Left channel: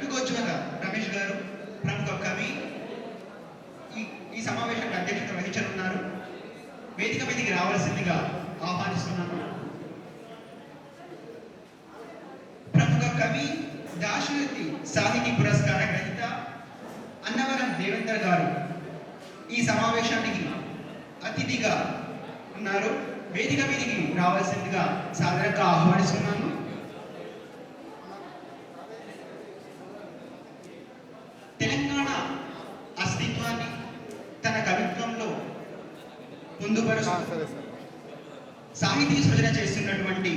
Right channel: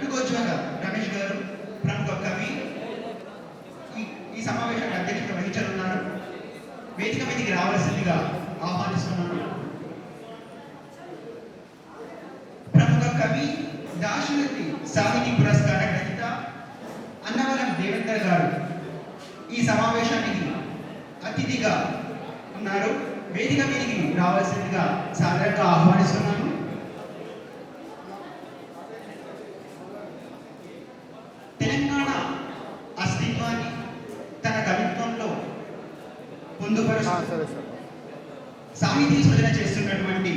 కట్టుకోజ్వల రమేష్ గారు ప్రముఖ కవి ఈ సమావేశానికి అధ్యక్షత వహించనున్నారు. వేదిక మీదకి రావాల్సిందిగా ఆహ్వానిస్తున్నాను. ప్రముఖ కవి, దాశరథి సాహితీ పురస్కార గ్రహీత అన్నవరం దేవేందర్ గారు ఈ సమావేశానికి అతిథిగా ఉన్నారు. వేదిక మీదకి రావాల్సిందిగా సాదరంగా ఆహ్వానిస్తున్నాను. తెలంగాణ అస్తిత్వాన్ని తన కవిత్వంలో పొందుపరుస్తూ సాహితీ సృజన చేస్తున్నటువంటి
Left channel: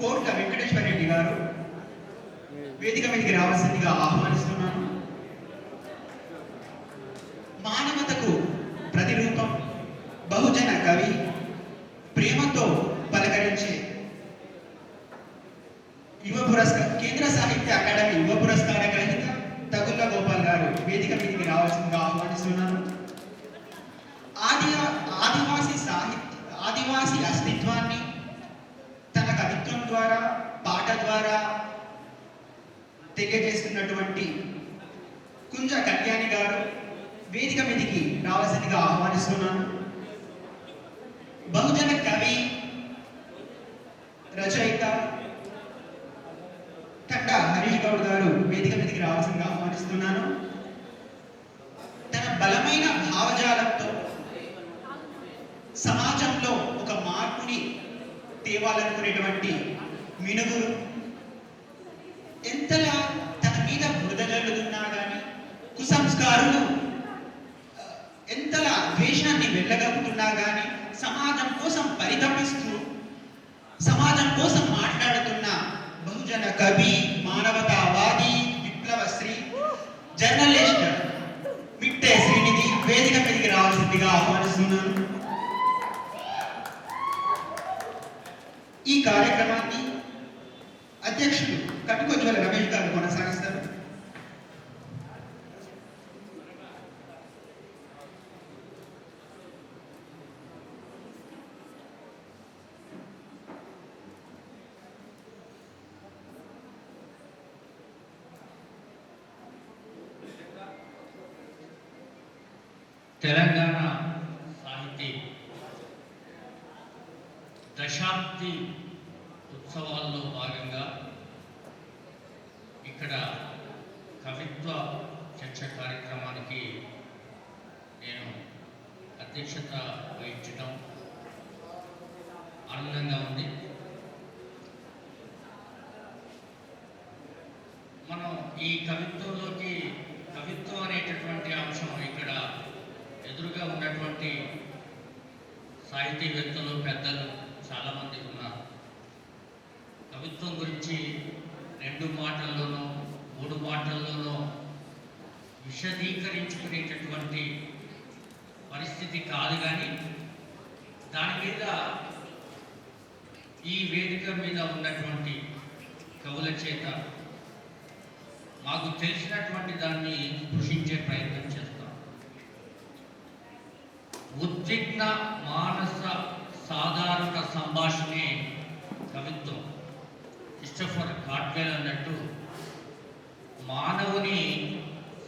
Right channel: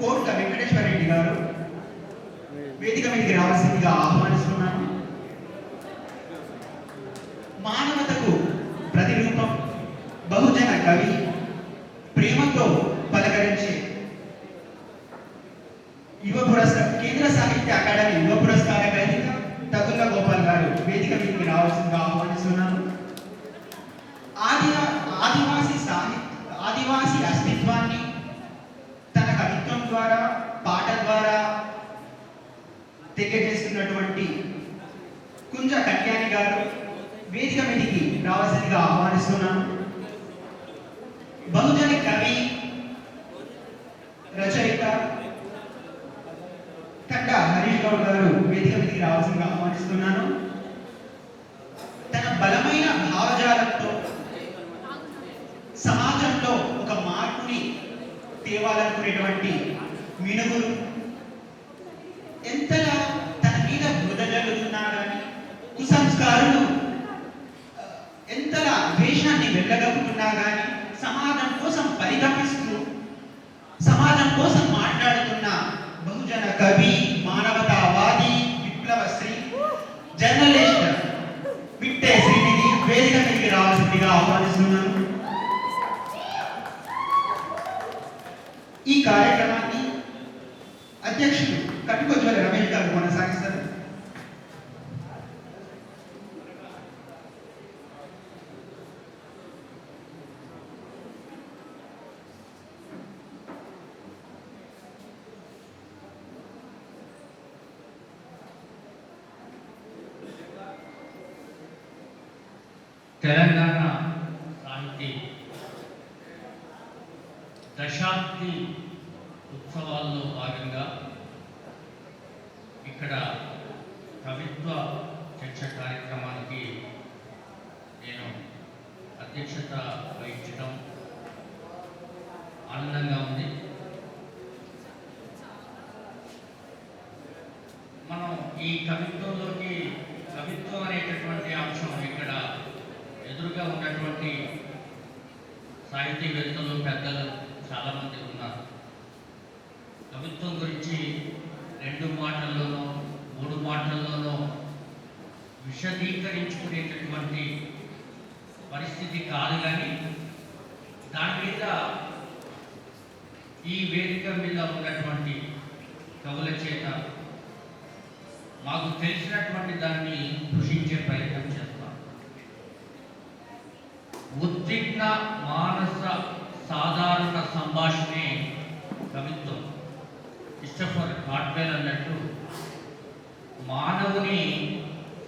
కోట్ల వెంకటేశ్వర రెడ్డి గారు వేదిక మీదకి రావాల్సిందిగా ఆహ్వానిస్తున్నాను. మానవతకు ప్రతిరూపం, బహుజన కవి, ప్రేమతో పలకరించే యువ పురస్కార కేంద్ర సాహిత్య అకాడమీ యువ పురస్కార గ్రహీత తగుళ్ళ గోపాల్ గారు వేదిక మీదకి రావాల్సిందిగా ఆహ్వానిస్తున్నాను. ఆదివాసి అస్తిత్వాన్ని తన కవిత్వం ద్వారా, పాటల ద్వారా తెలియజేస్తున్నటువంటి కుంజ కళ్యాణి గారు వేదిక మీదకి రావాల్సిందిగా ఆహ్వానిస్తున్నాను. బహుజన కవి, రచయిత కట్ట హరీష్ గౌడ్ గారు వేదిక మీదకి రావాల్సిందిగా ఆహ్వానిస్తున్నాను. తన బలమైన భావజాలంతో సమాజంలో ఒక మార్పుని తేవాలనుకునేటువంటి మినుగురు ఎంతలా తన మీద బురద జల్లుతున్నా కానీ, కుసంస్కారులు ఎంతలా ద్వేషాన్ని వెళ్ళగలుగుతున్నా కానీ సమాజం కోసం పరితపిస్తూ సమాజం కోసం మాట్లాడుతున్న బహుజన కవి, మానవతావాది, విప్లవశ్రీ, జర్నలిస్ట్ మిట్టే శ్రీనిధి వేదిక మీదకి రావాల్సిందిగా ఆహ్వానిస్తున్నాను. ఈ కార్యక్రమాన్ని అధ్యక్షులు కట్టుకోజ్వల రమేష్ గారు కొనసాగిస్తారు. తెలంగాణ సాహితీ దశాబ్ది ఉత్సవాల్లో భాగంగా ఇక్కడ కవిత్వ చర్చ కార్యక్రమానికి నేను అధ్యక్షత వహించడం ఆనందంగా ఉంది. మనం ఈ కవిత్వంలోకి కవిత్వం అనేటటువంటి అంశం ఇక్కడ ఎదురుగా ఉన్నటువంటి సాహితీవేత్తలు, పెద్దలు చాలామంది ఉన్నారు. కవిత్వం గురించి 2 మాటల్లోనో 3 మాటల్లోనో విశదీకరించుకునేటటువంటి పరిస్థితి కాదు. కానీ దాని మీద ఈ వేదిక మీద ఉన్నటువంటి కవుల చేత మాకు తెలిసినటువంటి దాన్ని కృషించే ప్రయత్నం చేస్తాం. ఉద్విగ్న మానస సాధారణ సంభాషణే కవిత్వం. క్రిస్టోఫర్ గాడ్వెల్ అన్నట్టు మానవుని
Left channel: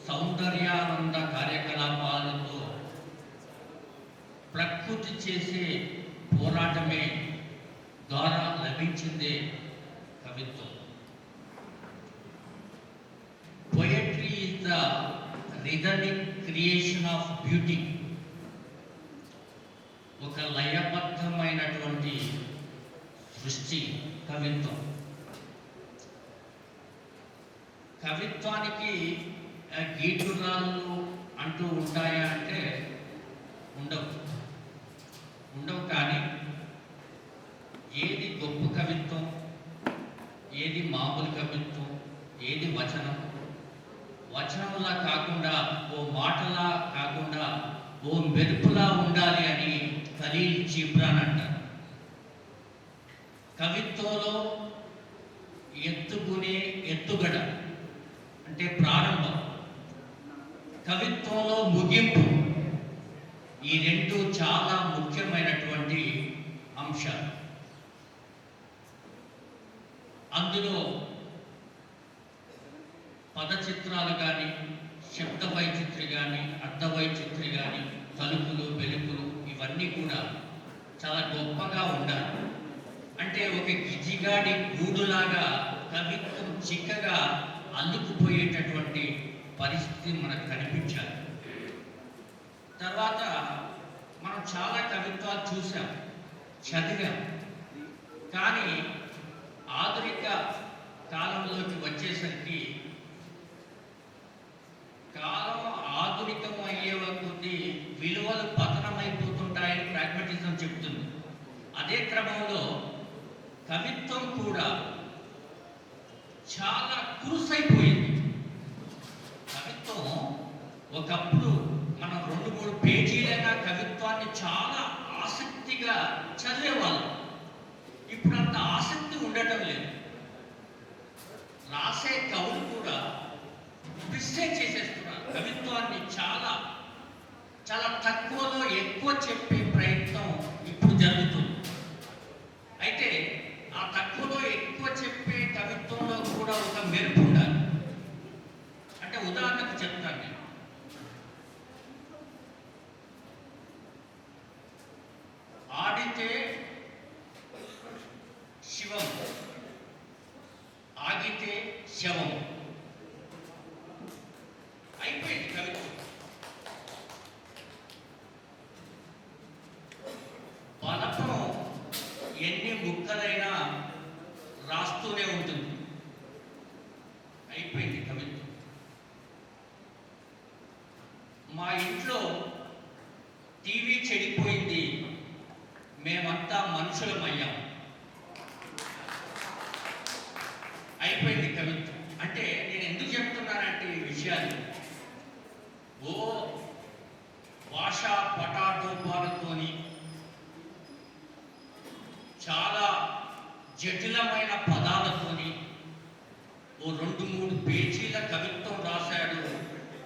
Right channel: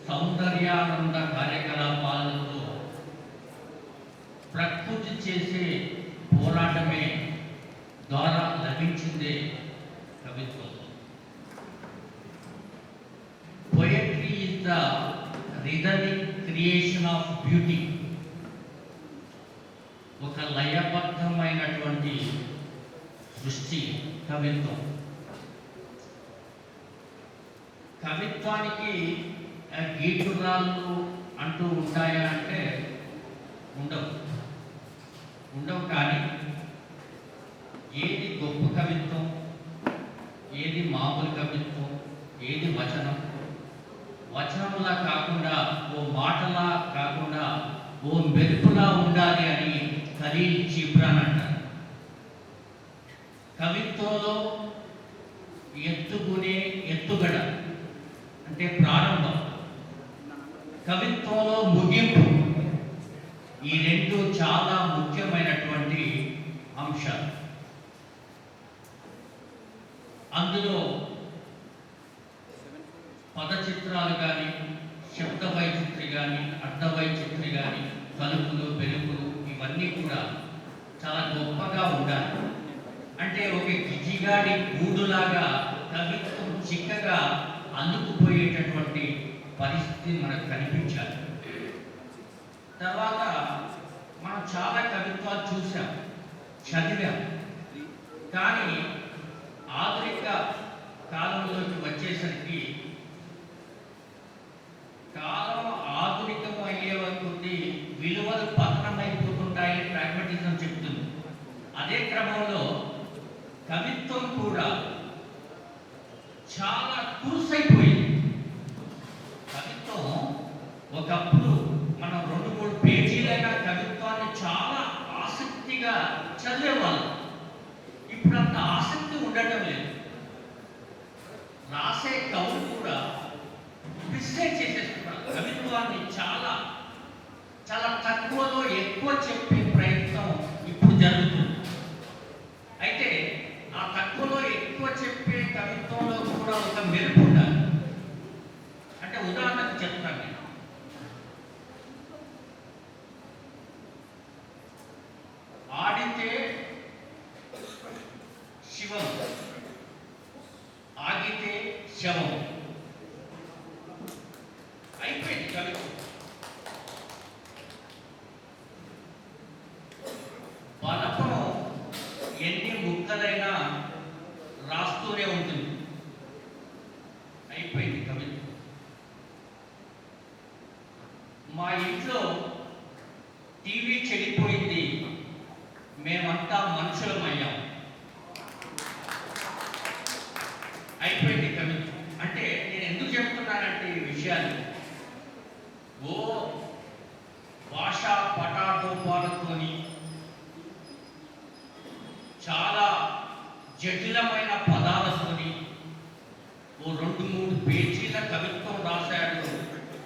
సౌందర్యానంద కార్యకలాపాలతో ప్రకృతి చేసే పోరాటమే ద్వారా లభించిందే కవిత్వం. Poetry is the rhythmic creation of beauty. ఒక లయబద్ధమైనటువంటి సృష్టి కవిత్వం. కవిత్వానికి గీటురాళ్ళు అంటూ ఉంటాయా అంటే ఉండవు. కానీ ఏది గొప్ప కవిత్వం, ఏది మామూలు కవిత్వం, ఏది వచనంలా కాకుండా, ఓ మాటలా కాకుండా, ఓ మెరుపులా ఉండాలి అని ఖలీల్ జిబ్రాన్ అంటారు. కవిత్వంలో ఎత్తుగడ అంటే ప్రారంభం, కవిత్వంలో ముగింపు, ఈ 2 చాలా ముఖ్యమైనటువంటి అంశాలు. అందులో పదచిత్రాలు కానీ, శబ్ద వైచిత్రి కానీ, అర్థ వైచిత్రి కానీ, తలుపులు వెలుపులు ఇవన్నీ కూడా చాలా గొప్పగా ఉండాలి. అంటే ఒక గిజిగాడి గూడులాగా కవిత్వం చిక్కగా అందుకుపోయేటటువంటి పరిస్థితి మనకు కనిపించాలి. తర్వాత మనం చాలా కవిత్వాలు చూసాం, చదివాం. కానీ ఆధునిక కాలంలోకి వచ్చేసరికి కాలం ఆధునికం అయ్యే కొద్దీ విలువలు పతనమైపోతుంటాయని ప్రాగ్మటిజం చెప్తుంది. అదే క్రమంలో కవిత్వం కూడా చాలా కురుసైపోయింది. కవిత్వం ఒకప్పుడు మనం 2-3 పేజీలైన కవిత్వాన్ని చాలా ఆసక్తిగా చదివేవాళ్ళం. ఇప్పుడు అంత ఆసక్తి ఉండటం లేదు. రాసే కవులు కూడా మిస్టేక్ చేసేస్తున్నారు. కవిత్వాన్ని చాలా చాలా తక్కువలో ఎక్కువ చెప్పే ప్రయత్నం ఇప్పుడు జరుగుతుంది. అయితే ఆ తక్కువలో ఎక్కువ చెప్పే కవిత్వంలో కూడా ఒక మెరుపు ఉండాలి. అంటే ఉదాహరణకు చెప్తాను నేను. ఆడితే శివం, ఆగితే శవం. అయిపోయింది కవిత్వం. బలపం ఎన్ని ముక్కలైనా రాస్తూనే ఉంటుంది. అయిపోయింది కవిత్వం. మా ఇంట్లో టీవీ చెడిపోయింది, మేమంతా మనుషులమయ్యాం. అయిపోయింది కవిత్వం. అంటే నేను ఎందుకు చెప్తున్నానంటే ఈ విషయాలు ఓ భాషా పటాటోపాలతోని చాలా జటిలమైన పదాలతోని ఓ 2-3 పేజీల కవిత్వం రాశాడు.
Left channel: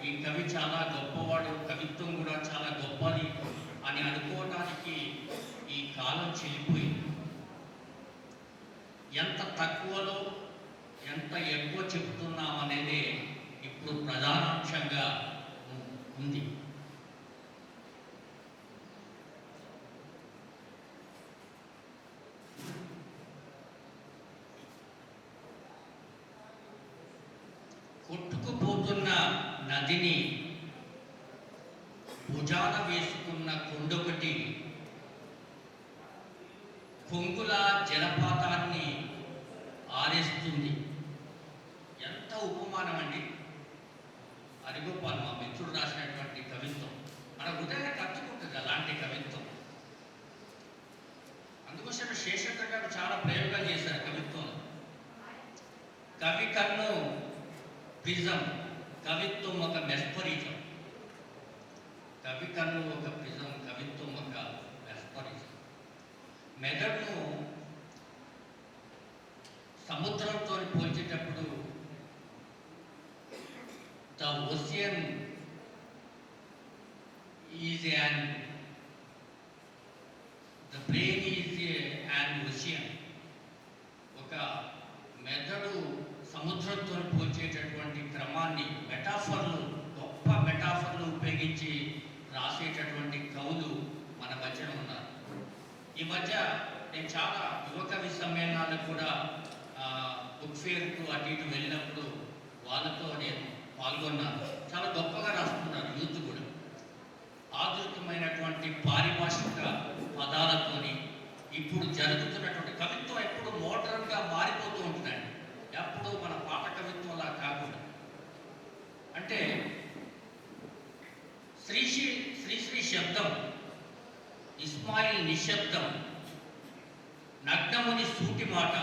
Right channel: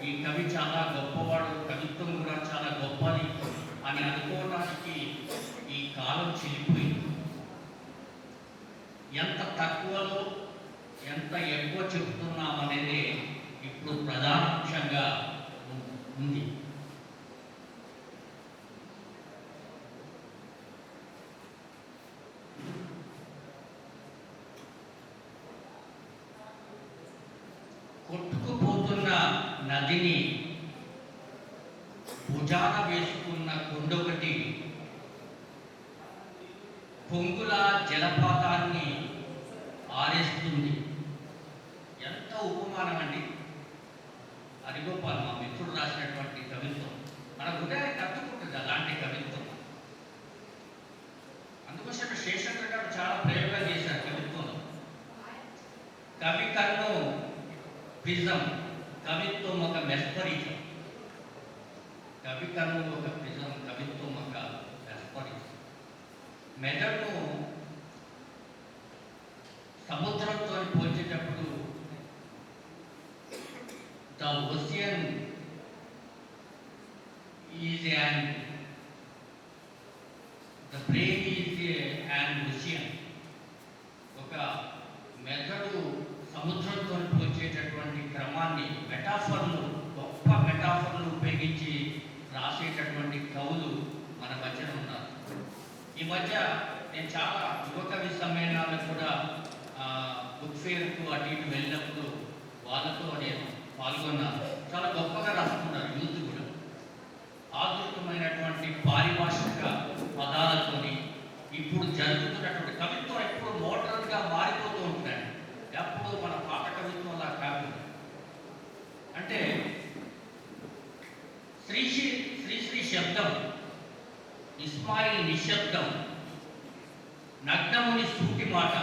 ఈ కవి చాలా గొప్పవాడు, కవిత్వం కూడా చాలా గొప్పది అని అనుకోవడానికి ఈ కాలం చెల్లిపోయింది. ఎంత తక్కువలో ఎంత ఎక్కువ చెప్తున్నామనేది ఇప్పుడు ప్రధాన అంశంగా ఉంది. కొట్టుకుపోతున్న నదిని భుజాన వేసుకున్న కొండొకటి కొంగుల జలపాతాన్ని ఆరేస్తుంది. ఎంత ఉపమానం అండి. హరిగోపాల్ మా మిత్రుడు రాసినటువంటి కవిత్వం మన హృదయాన్ని కట్టుకుంటుంది అలాంటి కవిత్వం. అందుకోసం శేషేంద్ర గారు చాలా ప్రయోగాలు చేశారు కవిత్వంలో. కవి కన్ను ప్రిజం, కవిత్వం ఒక మెస్పరిజం. కవి కన్ను ఒక ప్రిజం, కవిత్వం ఒక మెస్పరిజం. మెదడును సముద్రంతో పోల్చేటప్పుడు the ocean is an, the brain is an ocean. ఒక మెదడు సముద్రంతో పోల్చేటటువంటి క్రమాన్ని మెటాఫర్లు, గొప్ప మెటాఫర్లు ఉపయోగించి రాసేటటువంటి కవులు మన మధ్య ఉన్నారు. ఈ మధ్య నేను చాలా యువకవి సమ్మేళనాలకు కూడా బుక్ ఫేర్కు అటు ఇటు వెళ్ళినప్పుడు వాళ్ళతో నేను పాల్గొన్నాను. చాలా గొప్పగా రాస్తున్నారు యూత్ కూడా. ఆధునికమైనటువంటి పారిభాషిక పదాలతోని ఇప్పుడు జరుగుతున్నటువంటి కవిత్వం ఎప్పుడు మోడర్న్గా మారిపోతూ ఉంటుందండి. ఎప్పుడు మన పాత కవిత్వంలా కాకుండా. అంటే శ్రీశ్రీ శబ్దం, ఇస్మాయిల్ నిశ్శబ్దం, నగ్నముని సూటి మాట,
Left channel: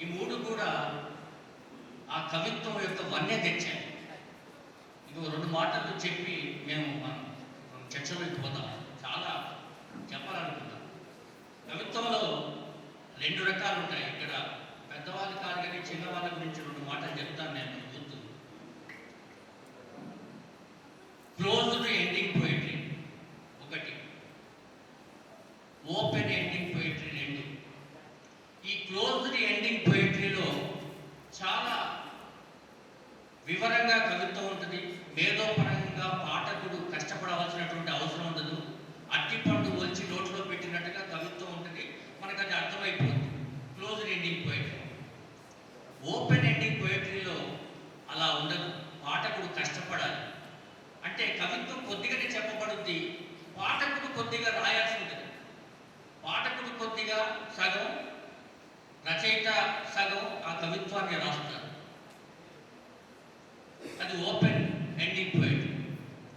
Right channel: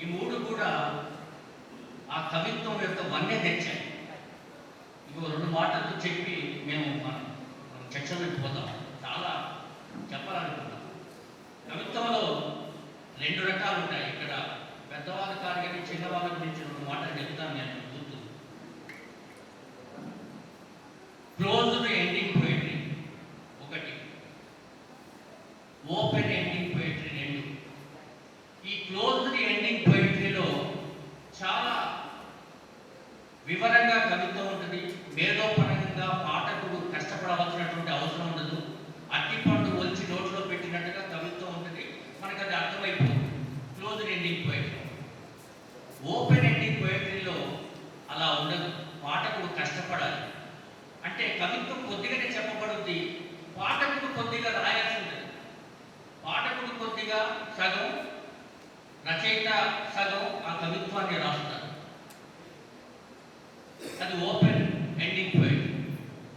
ఈ 3 కూడా ఆ కవిత్వం యొక్క వన్య తెచ్చాయి. ఇంకో 2 మాటలు చెప్పి మనం చర్చలోకి పోతాం. చాలా చెప్పాలనుకున్నాం. కవిత్వంలో 2 రకాలు ఉంటాయి. ఇక్కడ పెద్దవాళ్ళు కాదు కానీ చిన్నవాళ్ళ గురించి 2 మాటలు చెప్తాను నేను. గుర్తు క్లోజ్డ్ ఎండింగ్ పోయిటరీ ఒకటి, ఓపెన్ ఎండింగ్ పోయిటరీ 2. ఈ క్లోజ్డ్ ఎండింగ్ పోయిటరీలో చాలా వివరంగా కవిత్వం ఉంటుంది. మేధోపరంగా పాఠకుడు కష్టపడవలసినటువంటి అవసరం ఉండదు. అట్టిపండు ఒలిచి నోట్లో పెట్టినట్టుగా కవిత్వం ఉంటుంది. మనకు అది అర్థమైపోతుంది. Close ending poetry. Open ending పోయిటరీలో అలా ఉండదు. పాఠకుడు కష్టపడాలి. అంటే కవిత్వం కొద్దిగానే చెప్పబడుద్ది, పాఠకుడు కొద్దిగా రాయాల్సి ఉంటుంది. పాఠకుడు కొద్దిగా సగం, రచయిత సగం ఆ కవిత్వాన్ని రాస్తారు. అది ఓపెన్ ఎండింగ్ పోయిటరీ.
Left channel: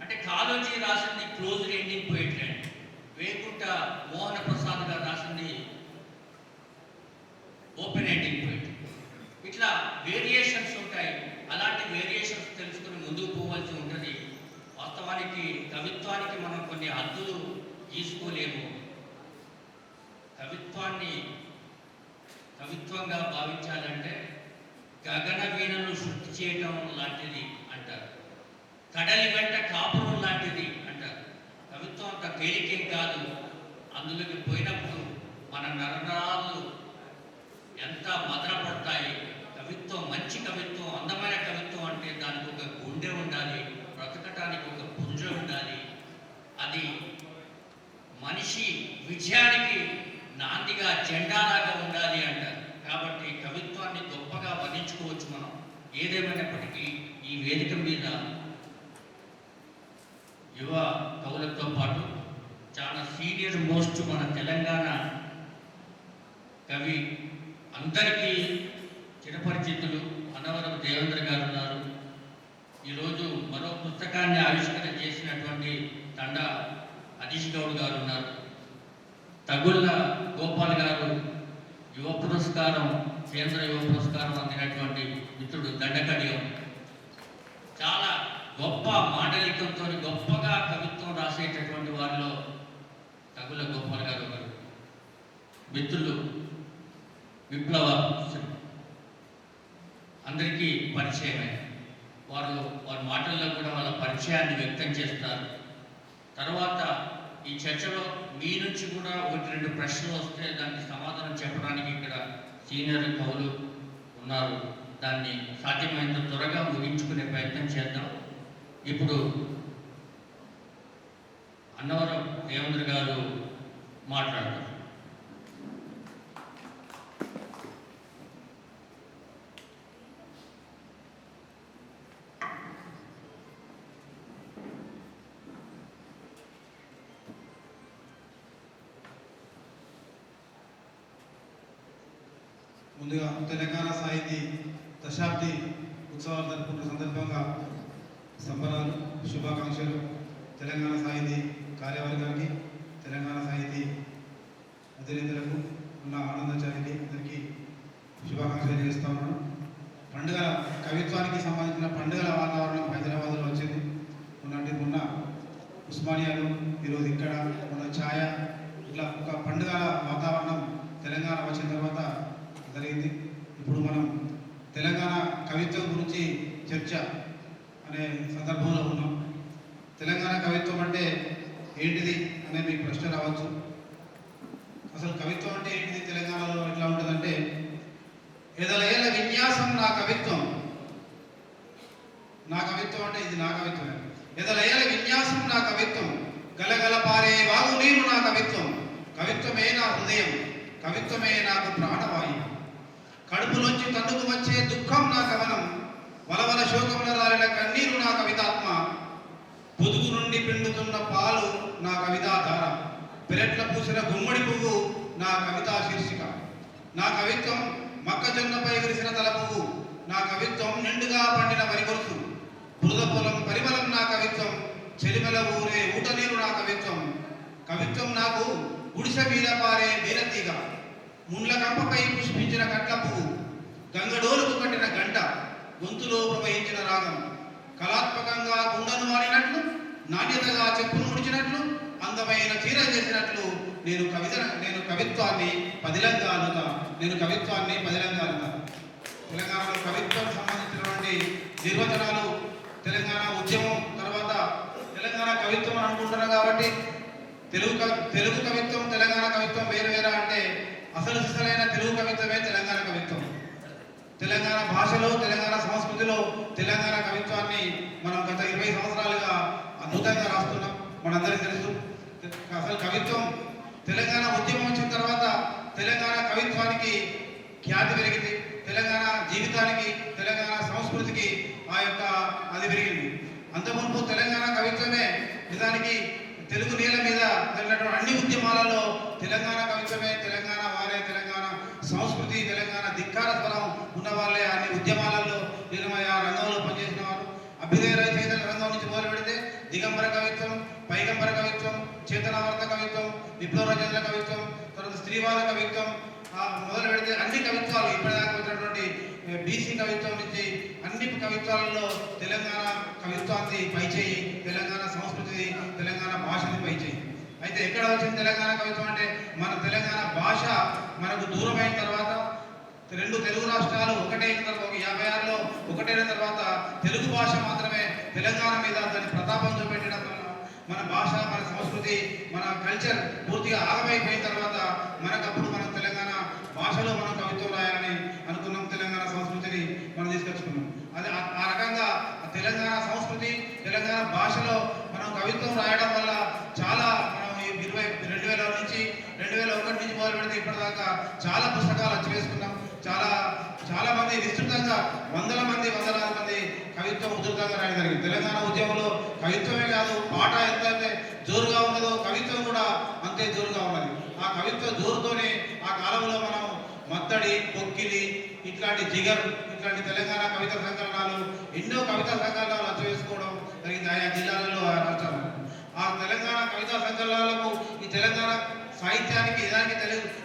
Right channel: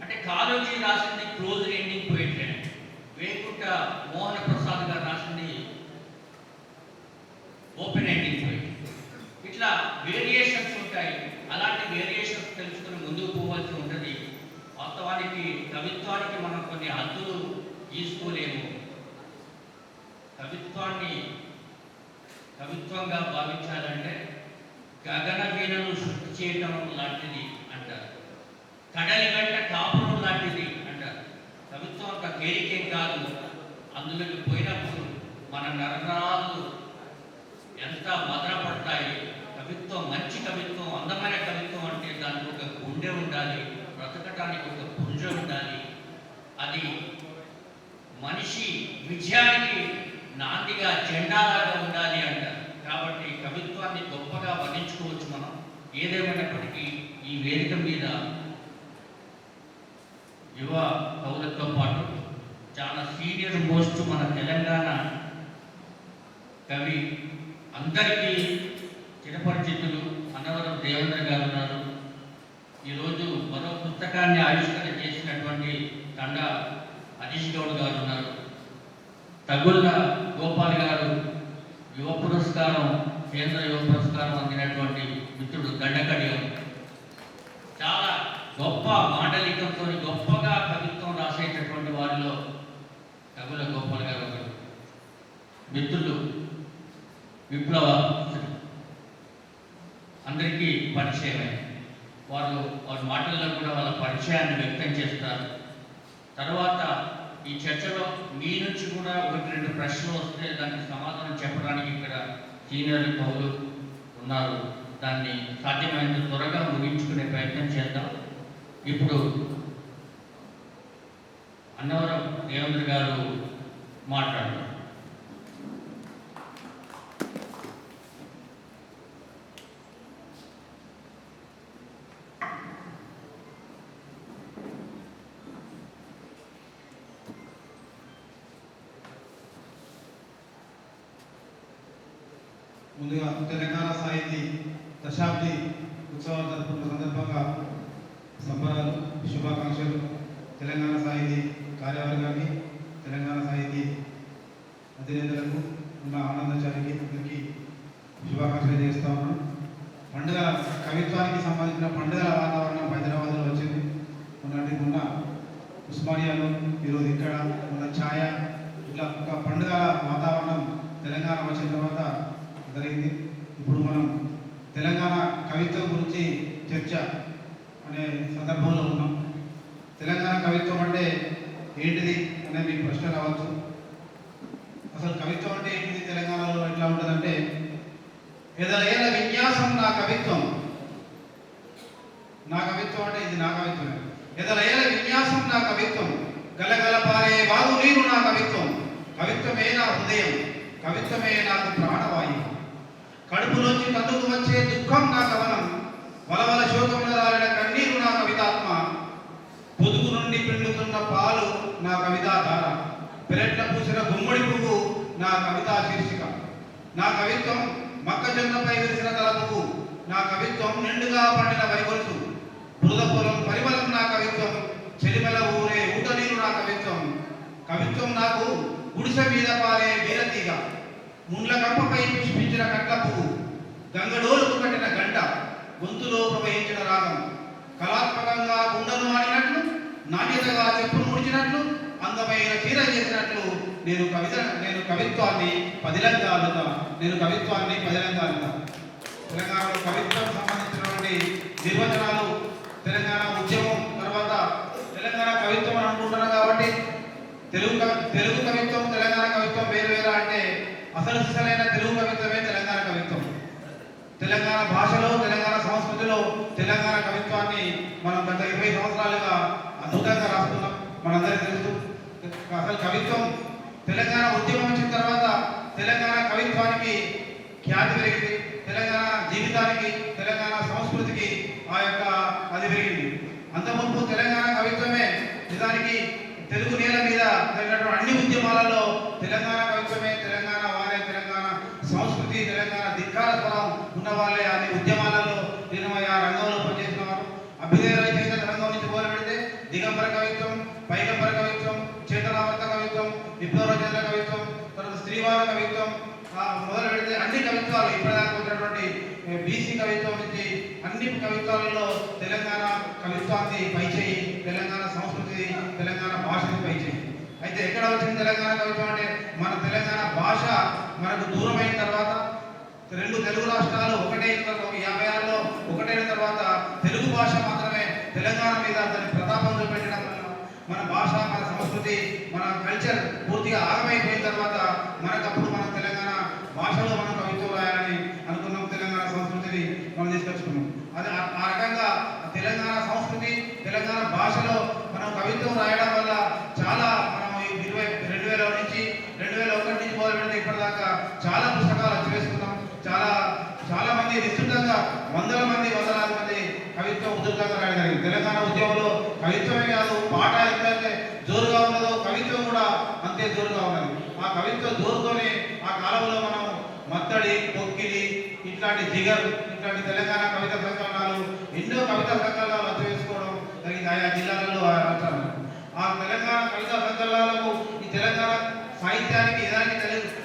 అంటే కాళోజీ రాసింది క్లోజ్ ఎండింగ్ పోయిటరీ. వేకుంట మోహన ప్రసాద్ గారు రాసింది ఓపెన్ ఎండింగ్ పోయిటరీ. ఇట్లా వేరియేషన్స్ ఉంటాయి. అలాంటి వేరియేషన్స్ తెలుసుకుని ముందుకు పోవాల్సి ఉంటుంది. వాస్తవానికి కవిత్వానికి మనం కొన్ని హద్దులు తీసుకోలేము. కవిత్వాన్ని కవిత్వంగా భావించాలంటే గగన వీణను శృతి చేయటం లాంటిది అంటారు. కడలి వెంట కాపురం లాంటిది అంటారు. కవిత్వం అంత తేలికేం కాదు. అందులోకి పోయినప్పుడు మన నరనరాలు ఎంత భద్రపడతాయి. కవిత్వం, మంచి కవిత్వం, అందమైన కవిత్వం అంటే దానికి ఒక గుండె ఉండాలి, బ్రతకటానికి ఒక పుంజ ఉండాలి. అది మనిషి విజయానికి నాందిగా జెండాలాగా ఉండాలి అంటారు. కాబట్టి కవిత్వాన్ని గొప్పగా వర్ణించుకోవచ్చు మనం. ఏదేమైనప్పటికీ ఈ వేదిక మీద యువ కవులతో పాటు చాలా సీనియర్ మోస్ట్ మన తెలంగాణ కవి అందరికీ చిరపరిచితులు అన్నవరం దేవేంద్ర గారు ఉన్నారు. ఈరోజు మరో పుస్తకాన్ని ఆవిష్కరణ చేసినటువంటి తండ హరీష్ గౌడ్ గారు ఉన్నారు. తగుళ్ళ గోపాల్ గారు యువ పురస్కారం, కేంద్ర యువ పురస్కారం అందినటువంటి మిత్రుడు దండకడియం. చాలా గొప్ప మాండలికంతో గొప్పగా కవిత్వం రాసేటటువంటి వారిలో తగుళ్ళ గోపాల్ గారు ఒకరు. మిత్రులు విప్లవ అందరికీ పరిచయమే. వారి మాటల్లో కూడా వాళ్ళ పరిచయాన్ని వ్యక్తం చేస్తారు. తర్వాత ఈ చర్చలో మీ నుంచి కూడా ఒకటి రెండు ప్రశ్నలు వస్తే దానికి సమాధానం చెప్పడానికి ఇక్కడ సీనియర్ కవులు ఉన్నారు. దాన్ని సాధ్యమైనంత త్వరగా ముగించుకునే ప్రయత్నం చేద్దాం. ఇప్పుడు అన్నవరం దేవేంద్ర గారు మాట్లాడారు. ముందుగా తెలంగాణ సాహితీ దశాబ్ది ఉత్సవాలు జరుపుకున్న సందర్భంగా సంబరాలు, శుభాకాంక్షలు తెలంగాణ సాహితీ కార్యవర్గానికి, తెలంగాణ సాహితీ అధినేతలకు ఉన్న ఆనందచారికి అందరికీ శుభాకాంక్షలు చేస్తూ ఉన్నాను. పండుగ కవిత్వానికి సంబంధించిన పండుగల వాతావరణం హైదరాబాద్లో వచ్చింది. మొన్న ఉస్మానియాలో, ఈరోజు ఇక్కడ మన ఛాయ, ఇట్లా ఒక పండుగ వాతావరణం తెలంగాణ వచ్చిన తర్వాత జరిగింది. ఇప్పుడు మనం తెలంగాణ కవిత్వం గురించి చర్చ అనే సందర్భంలో ఉన్నాం. తెలంగాణ కవిత్వం అంటే ఏంటిది అనే మీకు ప్రశ్న రావచ్చు. అసలు కవిత్వం అంటే ఏంటిది, తెలంగాణలో ఎట్లా ఉంటుందంటే, ఎదలేల విన్యాసం నా కవిత్వం. నా కవిత్వం అంటే ఇది నా కవిత్వం. ఎదలేల విన్యాసం నా కవిత్వం, గలగల పారే వాగు నీరు నా కవిత్వం. కవిత్వమే నా హృదయం, కవిత్వమే నాకు ప్రాణవాయువు. కడుపులోంచి తన్నుకు వచ్చే దుఃఖం నా కవనం, వలవల శోకముల రాలిన కన్నీరు నా కవితాత్మ. పొదుగు నుండి పిండుతున్న పాలు నా కవితాధార, పెరట్ల పూసిన గుమ్మడి పువ్వు నా కవితా శీర్షిక. నా కవిత్వం మొక్కజొన్నపై విరిసిన తల పువ్వు, నా కవిత్వం నిండుగా పండిన వరిగొలుసు. బురద పొలం పరిమళం నా కవిత్వం, చెలిమల ఊరే ఊట నీరు నా కవిత్వం. కవిత్వం నాకు గుడిసె మీద పారే వీరతీగ, ముండ్ల కంపపై పుష్పించిన కట్ల పువ్వు, గంగడోలుకు కట్టిన గంట, గొంతులో ప్రవహించిన రాగం. కళాత్మకంగా గుండెను మారినట్లు, నాణ్యతగా చెప్పును ముడిచినట్లు, అందమైన చీర చేసినట్లు నేను కవిత్వాన్ని పదిలంగా అందుతా. తెలంగాణలో కవిత్వం సంబంధించినటువంటి నిర్వచనాలు, తెలంగాణ ఉద్యమం తర్వాత తెలంగాణ కవిత్వం అని అనుకుంటున్నాం. కాబట్టి తెలుగు కవిత్వం, తెలంగాణ కవిత్వం వేరు వేరా అంటే, అసలు సిసలైన తెలుగు కవిత్వమే తెలంగాణ కవిత్వం. తెలంగాణ భాషలో, తెలంగాణ సంస్కృతిలో తెలంగాణ చాలా అద్భుతంగా రాస్తున్నాం. మనందరికీ తెలుసు అసలు కవిత్వం తెలంగాణ ఉద్యమం వచ్చిన తర్వాత తెలంగాణ కవిత్వానికి ఖ్యాతి పెరిగింది. తెలంగాణ జీవితానికి, తెలంగాణ సంస్కృతికి ఆ యొక్క అది పెరిగింది. అంతకుముందు తెలంగాణ కవిత్వమే నిజానికి తెలుగు నేల మీద జరిగినటువంటి అన్ని ఉద్యమాలలో తెలంగాణ కవిత్వమే, తెలంగాణ వారే, తెలంగాణ సంస్కృతి, తెలంగాణ ధిక్కార స్వరం ఉన్న వాళ్ళే అన్ని ఉద్యమాలలో ఆ రంగంలో పనిచేసిన వారు. అభ్యుదయ రైతు రంగం నుంచి మొదలు పెడితే దిగంబర కవిత్వం, పైగంబర కవిత్వం, చేతనావర్త కవిత్వం, విప్లవ రచనల కవిత్వం, తర్వాత స్త్రీవాద కవిత్వం మొదలు పెడితే అన్ని కవిత్వాలు ఇప్పటిదాకా ఉన్నటువంటి బీసీ కవిత్వం నుంచి అన్ని కవిత్వాలలో తెలంగాణ కవిత్వానికి పైచేయి, తెలంగాణ సంస్కృతి, తెలంగాణ భాషకి పైచేయి. అయితే ఎక్కడ వచ్చింది తెలంగాణ కవిత్వం అంటే మన తెలంగాణ భాష మనకు దూరమైన తర్వాత రెండు తెలుగు రాష్ట్రాలు ఒకటే 56లో ఒకటైన తర్వాత తెలుగు భాష మాత్రమే తెలంగాణ మీద దాని ప్రతాపం చూపెట్టడం వల్ల మన భాష, మన సంస్కృతి, మన కల్చర్ పూర్తిగా ఆగమైపోయిన తర్వాత మనకప్పుడు మనం తెలంగాణ భాషలో మనం కవిత్వం రాయాలని అనుకున్నాం. తెలంగాణ సంస్కృతిని మనం తీసుకొచ్చుకున్నాం. అది ఆ రకంగా తెలంగాణ సంస్కృతి, తెలంగాణ భాషలో మనం కవిత్వం రాయడం వల్ల చాలా మనం 2000 నుంచి 2001 నుంచి మొదలు పెడితే ఇప్పటిదాకా చాలా పుస్తకాలు అచ్చివేసుకున్నాం. చాలా మంది విస్తృతంగా వందలాది మంది కవిత్వం ఉధృతంగా రాయగలిగింది. తెలంగాణ ఉద్యమంలో కవిత్వమే కాదు, పాట ఎంతైతే జోరుగా ఉన్నదో కవిత్వం కూడా అంతే జోరుగా ఉన్నది. ఆ కవిత్వ జోరుతోనే ఆ కాలంలో మనం మత్తడి, పొక్కిలి, ఇట్లాంటి జిగర్, ఇట్లాంటి తెలంగాణ కవిత సంకలనాలు, ఎన్నో కవితా సంకలనాలు అచ్చవేసుకోవడం జరిగింది ఆయా జిల్లాలలో, ఆ రాష్ట్రాలలో. ఆ తెలంగాణ కవితా సంకలనాలకు ఈ తెలంగాణ సాహిత్యానికి, ఇదానికి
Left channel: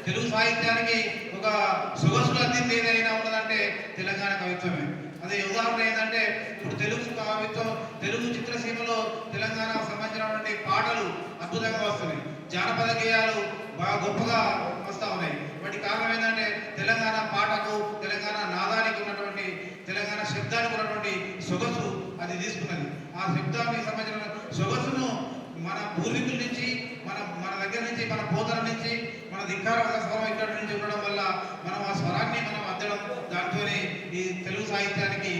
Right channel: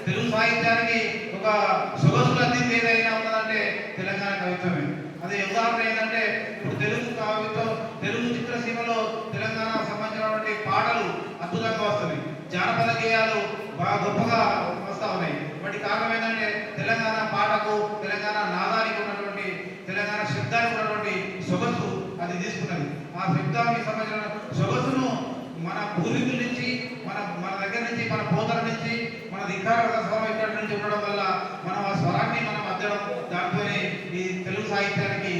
తెలుగు సాహిత్యానికి ఒక సొగసు అందింది ఏదైనా ఉన్నదంటే తెలంగాణ కవిత్వమే. అదే ఉదాహరణ ఏంటంటే ఇప్పుడు తెలుగు కవిత్వం, తెలుగు చిత్రసీమలో తెలంగాణ సంబంధించినటువంటి పాటలు అద్భుతంగా వస్తున్నాయి. జానపద గేయాలు బాగా గొప్పగా వస్తూ ఉన్నాయి. వాటి కారణం ఏంటంటే తెలంగాణ పాటకు, తెలంగాణ నాదానికి ఉన్నటువంటి, తెలంగాణ శబ్దానికి ఉన్నటువంటి సొగసు అది తీసుకున్నది. ఆ శబ్దానికి సంబంధించిన సొగసును మన పూర్వీకుల నుంచి, మన దగ్గర నుంచి, మన పోతల నుంచి, మన ధిక్కార స్వరం ఇక్కడ నుంచి ఉండడం వల్ల మనం ఆ స్వరాన్ని మనం అద్దడం, దాంతోనే ఈ తెలుగు సాహిత్యానికి